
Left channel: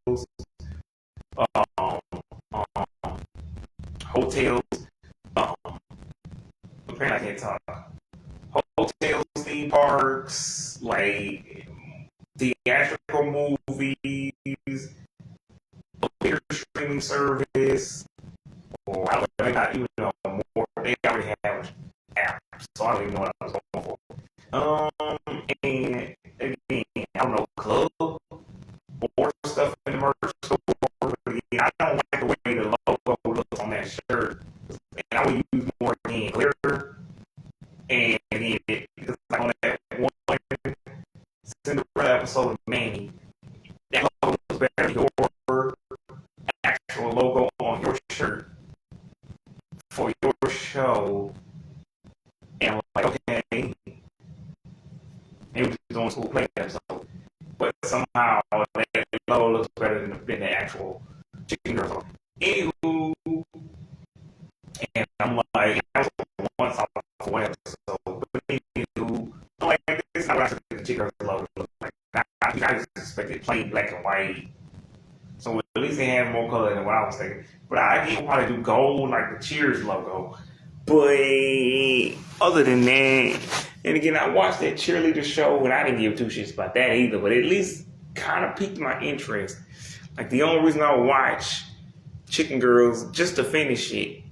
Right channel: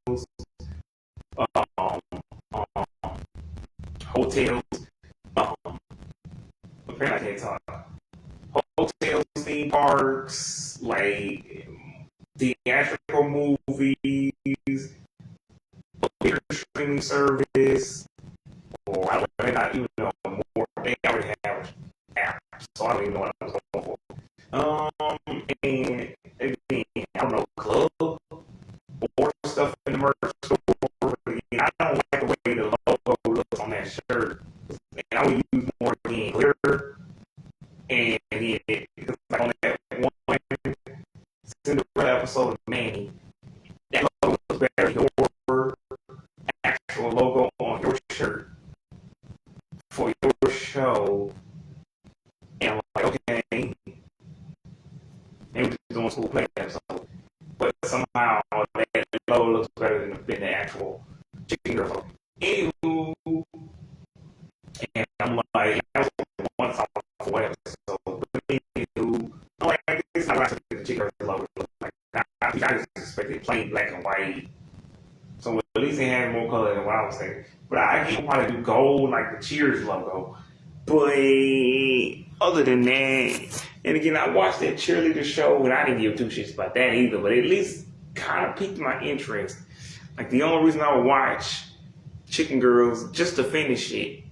apparently I can't talk. Hotels, theme parks, like theatrical movies, a streaming service, or I don't not even know more. They already have apps, so I don't even know what I was going for. And again, I don't know, club or stuff in the merch store. Again, I don't like the way the logo looks on that shirt. And I would use more again clear. And it's like on that one Cinderella episode of Manny, that logo was better than your actual logo on your shirt for your show. And I'm like, okay, maybe we're just doing school play episode. But somehow that logo looks better than the actual Chicken Girls. Anywho, and I'm like, that was once off for one episode. But anywho, I'm like, this is how I think the Chicken Girls logo looks like. I just expected plain black and white. So at least they had more color than what I was saying. But I get why they do gold, like the Cheers logo. But other than that, and again, I watched that cheerleader show, and I didn't give 2 shits about that either. But at least kind of piqued my interest. Like the only reason I would watch Chicken Girls just to finish it.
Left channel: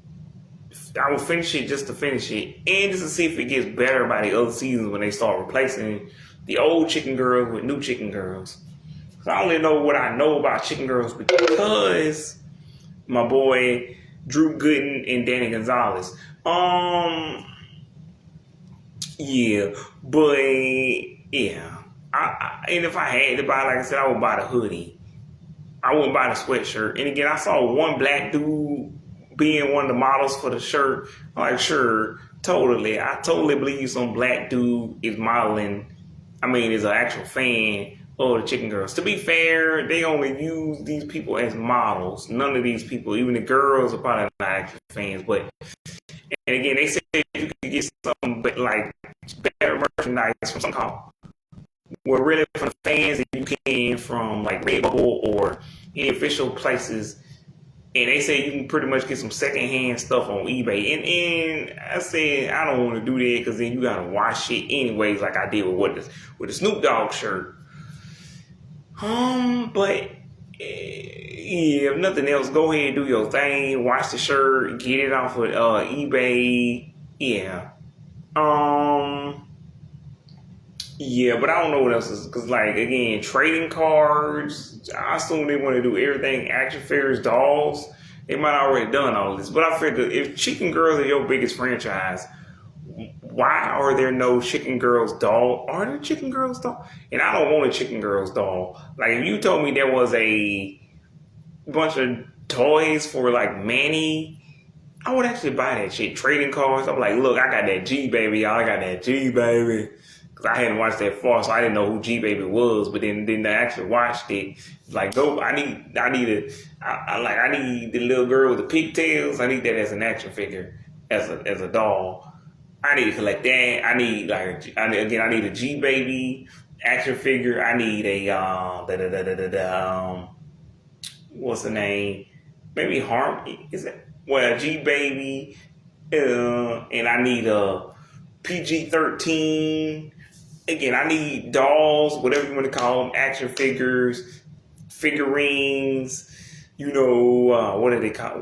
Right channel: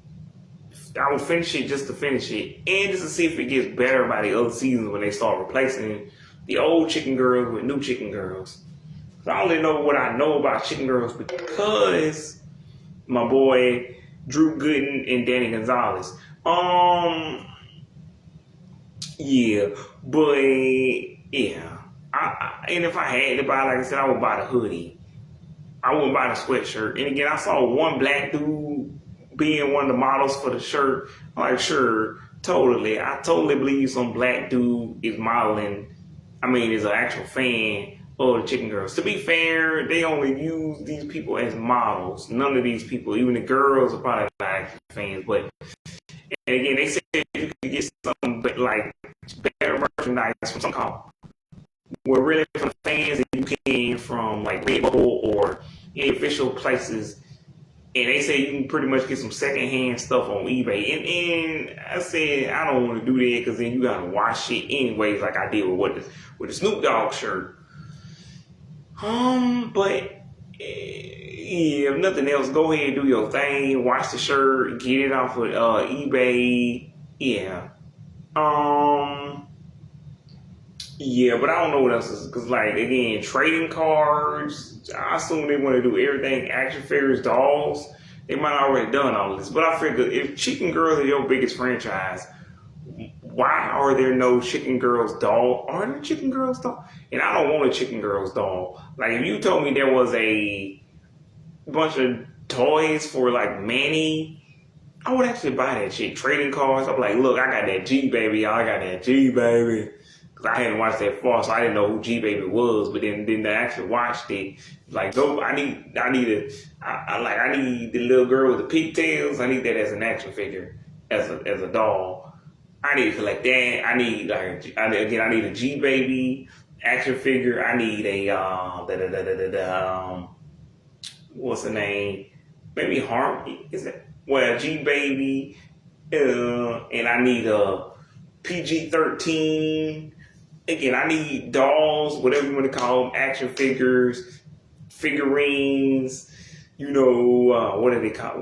I would finish it just to finish it, and just to see if it gets better by the other seasons when they start replacing the old Chicken Girls with new Chicken Girls. I only know what I know about Chicken Girls because my boy Drew Gooden and Danny Gonzalez. Yeah, but yeah. And if I had to buy, like I said, I would buy the hoodie. I wouldn't buy the sweatshirt. And again, I saw one black dude being one of the models for the shirt. I'm like, sure, totally. I totally believe some black dude is modeling. I mean, is an actual fan of the Chicken Girls. To be fair, they only use these people as models. None of these people, even the girls, are probably not actual fans. But and again, they said you could get some, but like better merchandise from some call. Well, really from fans that you can from like Redbubble or any official places. And they say you can pretty much get some secondhand stuff on eBay. And I said I don't want to do that because then you gotta wash it anyways, like I did with the Snoop Dogg shirt. But yeah, if nothing else, go ahead and do your thing. Wash the shirt, get it off with eBay. Yeah. Yeah, but I don't know what else is because, like, again, trading cards. I assume they want to do everything. Action figures, dolls. They might already done all this, but I figure if Chicken Girls are your biggest franchise, why are there no Chicken Girls doll? Are there Chicken Girls doll? And I don't want a Chicken Girls doll. Like if you told me there was a bunch of toys for like Manny, I would actually buy that shit. Trading cards. I'm like, look, I got that G baby, y'all. I got that G baby. I hadn't watched that far, so I didn't know who G Baby was. But then I actually watched it. Like, no, I need the little girl with the pigtails. I need that as an action figure, as a doll. I need to collect that. I need a G Baby action figure. I need a what's the name? Maybe is it? Well, a G Baby, and I need a PG-13. Again, I need dolls, whatever you want to call them, action figures, figurines. You know, what do they call?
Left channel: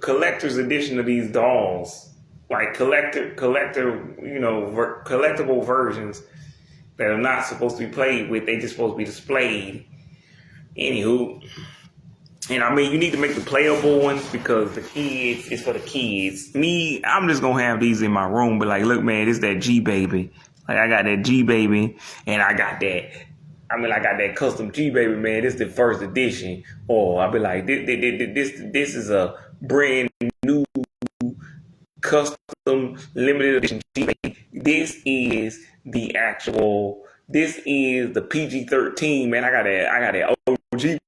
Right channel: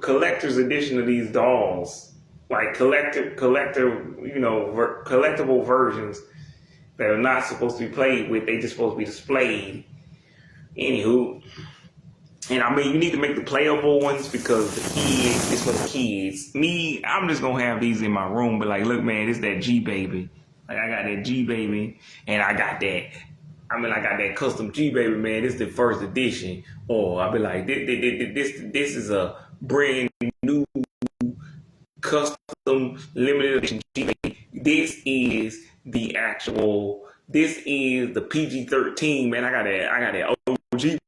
Collector's edition of these dolls, like collector, collectible versions that are not supposed to be played with. They just supposed to be displayed. Anywho. And I mean, you need to make the playable ones because the kids, it's for the kids. Me, I'm just going to have these in my room. But like, look, man, it's that G Baby. Like, I got that G Baby and I got that. I got that custom G Baby, man. This is the first edition. Or I'll be like, this is a brand new custom limited edition G Baby. This is the PG-13, man. I got that OG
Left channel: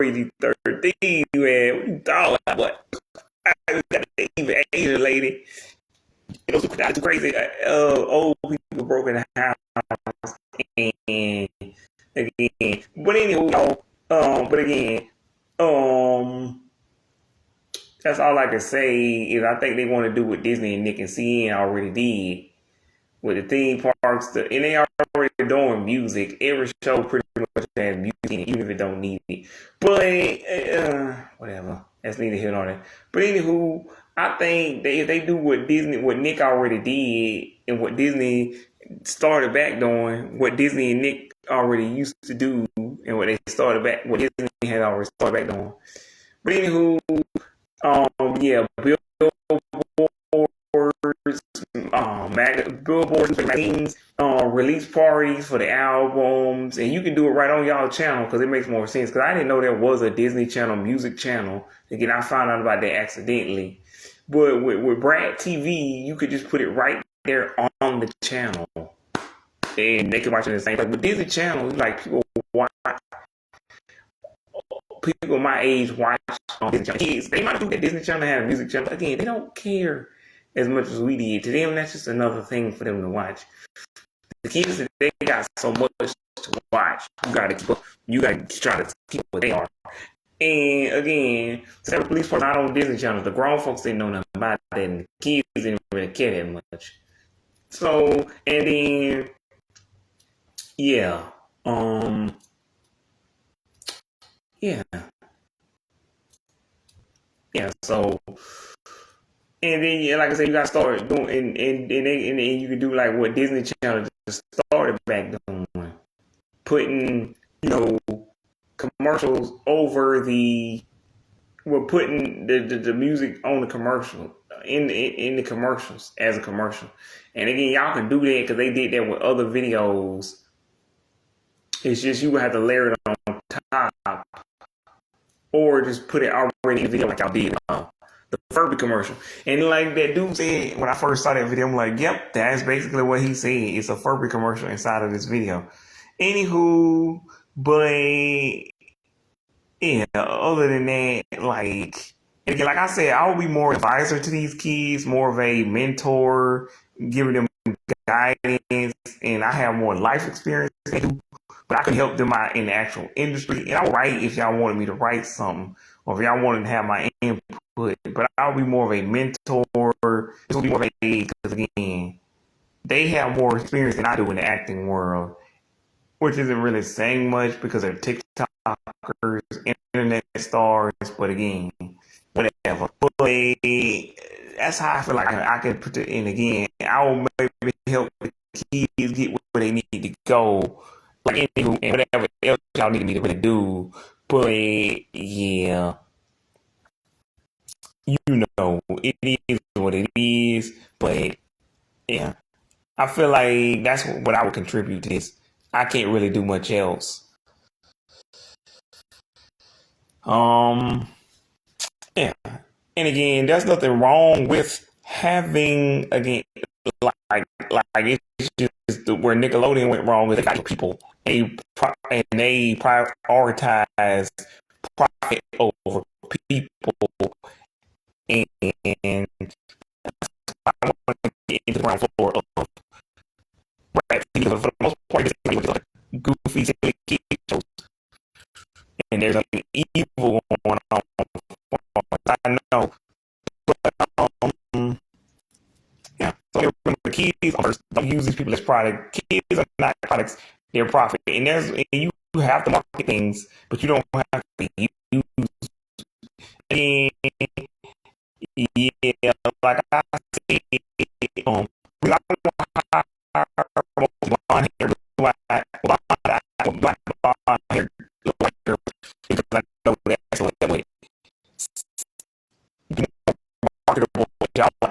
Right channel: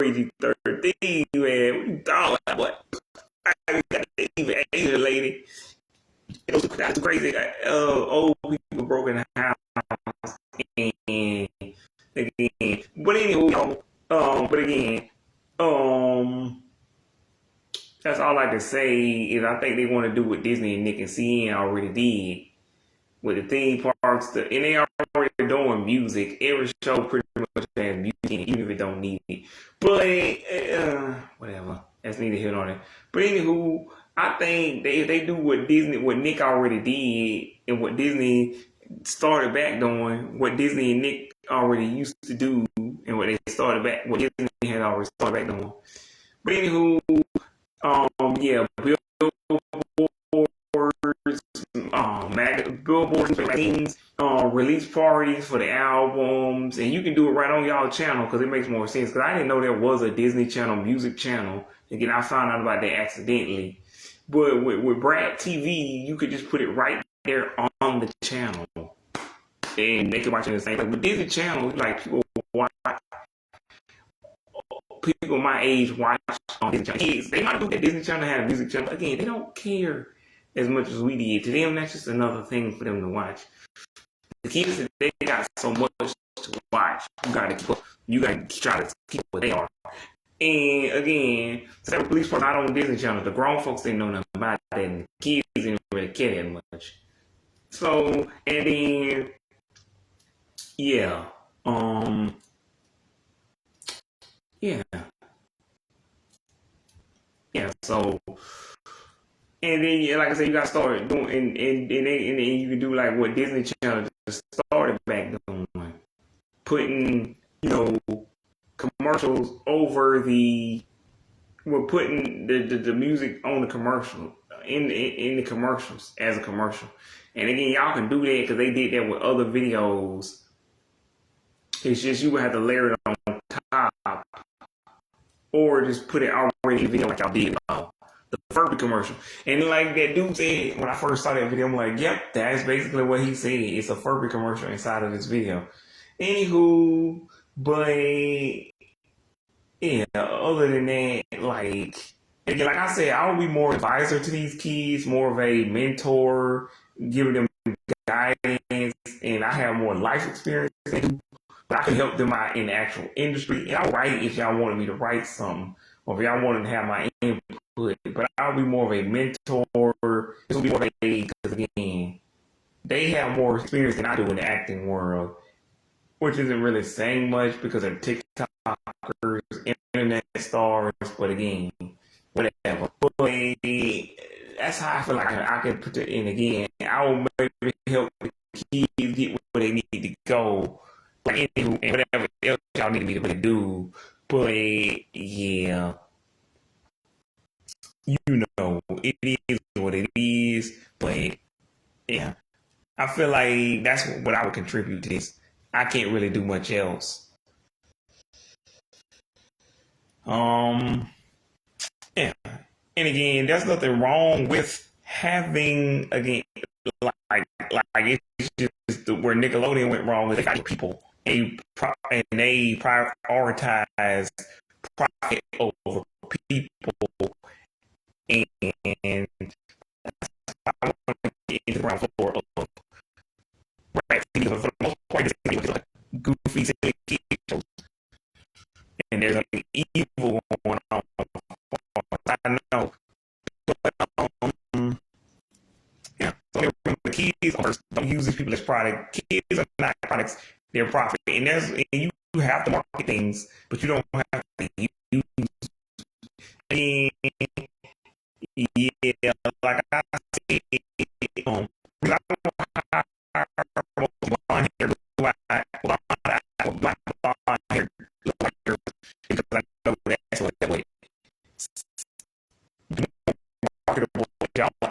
PG-13, man. What? I got an even Asian lady. It was crazy. Old people broken house and again. But anyway, that's all I can say is I think they want to do what Disney and Nick and CN already did with the theme parks. And they already doing music. Every show pretty much has music in it, even if it don't need it. But whatever. That's neither here nor there. But anywho, I think that if they do what Nick already did, and what Disney started back doing, what Disney and Nick already used to do, and what Disney had already started back doing. But anywho, billboards, magazines, release parties for the albums, and you can do it right on y'all channel because it makes more sense. Because I didn't know there was a Disney Channel music channel. Again, I found out about that accidentally. But with Brad TV, you could just put it right there on the channel, and they can watch it the same time. But Disney Channel, like people my age watch on Disney Channel. Kids, they might do that Disney Channel have a music channel. Again, they don't care as much as we did. To them, that's just another thing for them to watch. The kids, they got so much to watch. You gotta try to keep what they are. And again, so the police are not on Disney Channel. The grown folks didn't know nothing about that, and the kids didn't really care that much. So, and then, yeah, so, and then, like I said, you gotta start doing, and you can do like what Disney Channel just started back doing, putting, commercials over we're putting the music on the commercial, in the commercials as a commercial. And again, y'all can do that because they did that with other videos. It's just you would have to layer it on top, or just put it already in the video like y'all did The Furby commercial. And like that dude said when I first saw that video, I'm like, yep, that's basically what he said. It's a Furby commercial inside of this video. Anywho, but yeah, other than that, like again, like I said, I will be more advisor to these kids, more of a mentor, giving them guidance, and I have more life experience than they do, but I can help them out in the actual industry. And I'll write if y'all wanted me to write something, or if y'all wanted to have my input. But I'll be more of a mentor. This will be more of a, because again, they have more experience than I do in the acting world, which isn't really saying much because they're TikTokers, internet stars. But again, whatever. But that's how I feel like I can put it in again. I will maybe help the kids get where they need to go, like and whatever else y'all need me to really do. But yeah, you know, it is what it is. But yeah, I feel like that's what I would contribute to this. I can't really do much else. Yeah, and again, there's nothing wrong with having again like it's just where Nickelodeon went wrong with the people. And they prioritize profit over people, and I want to get into the ground floor of rap because for the most part, it's like goofy silly kid shows, and there's like evil going on. I know, but yeah. So remember, the kids first don't use these people as product. Kids are not products; they're profit, and you have to market things, but you don't have to use. And yeah, like I said, I blonde hair, blonde hair, because I know that's what that way marketable. Y'all I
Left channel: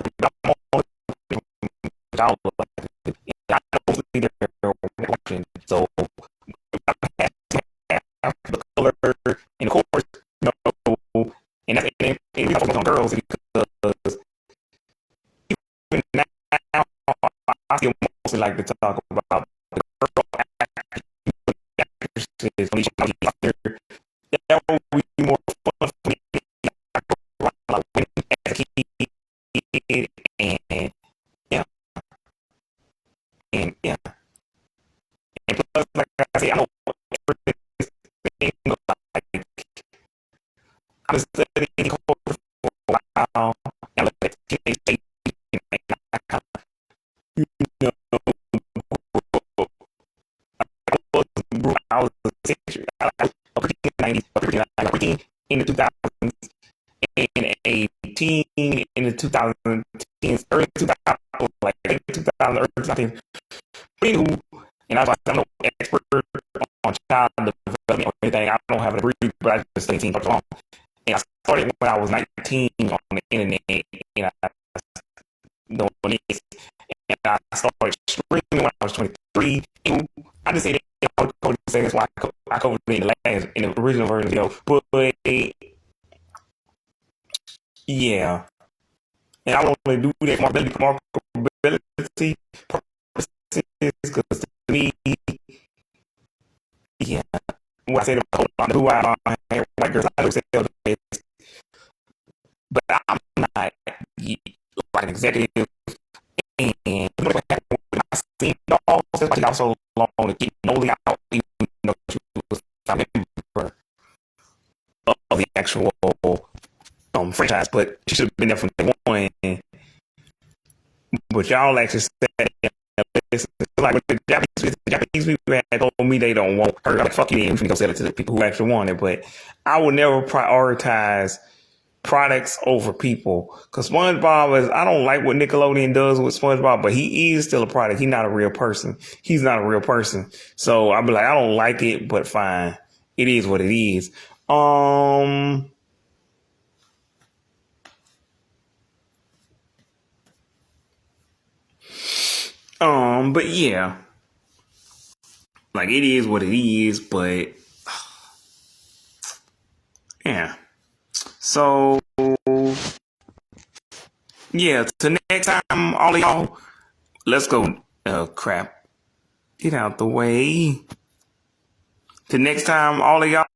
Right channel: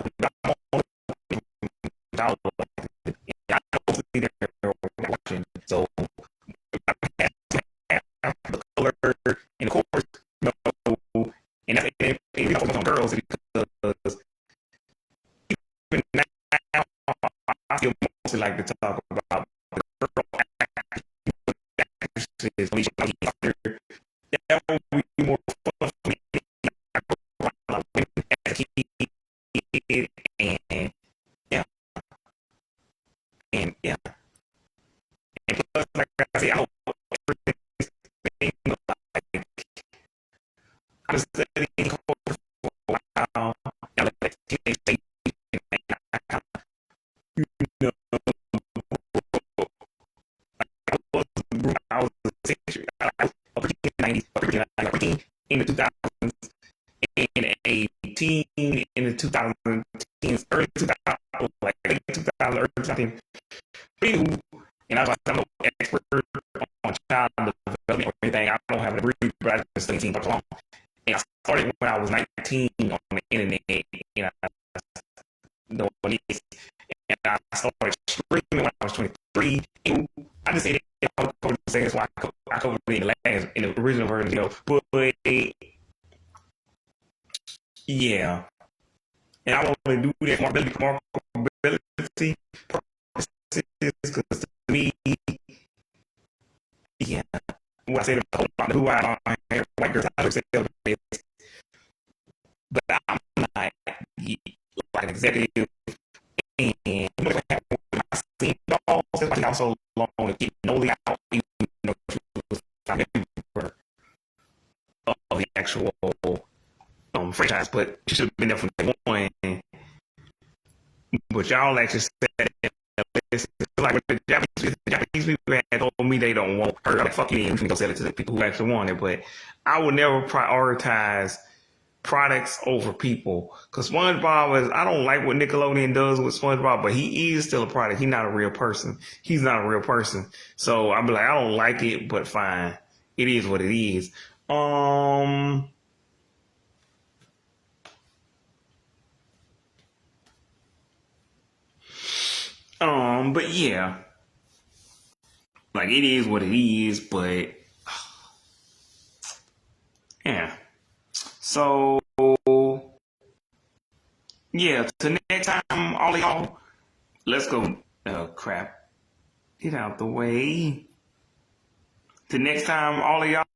know they're watching, so I have the color, and of course, you know, and that's and we focus on girls because even now I still mostly like to talk about the girl actresses. That would be more fun for me. Like women as a kid, and yeah, and yeah, and plus, like I say, I know everything. Like I've been studying culture for a while. I look at teenage state, you know, I was a century, I was a preteen in the 90s, a preteen in the 2000s, and a teen in the 2010s, early 2000s, like 2000, early 2010s. Anywho, and I was like, I'm no expert on child development or anything. I don't have a degree, but I just studied teen culture long. And I started when I was 19 on the internet, and I know what it is. And I started streaming when I was 23. And I just say that I was saying that's why I covered it in the original version, you know. But yeah, and I want to do that marketability purposes because to me, yeah, when I say the who I white girls, I do say but I'm not like an executive. And you know what happened when I seen dolls? That's why she got so long to keep Noli out, even though she was a member of the actual franchise. But she should have been there from day one. But y'all actually said it's like the Japanese people had told me they don't want her. I'm like, fuck you, then you can go sell it to the people who actually want it. But I would never prioritize products over people. Because SpongeBob is, I don't like what Nickelodeon does with SpongeBob, but he is still a product. He's not a real person. He's not a real person. So I'll be like, I don't like it, but fine. It is what it is. But yeah. Like it is what it is, but yeah. So Yeah, till next time, all of y'all, let's go. Oh, crap. Get out the way. Till next time, all of y'all.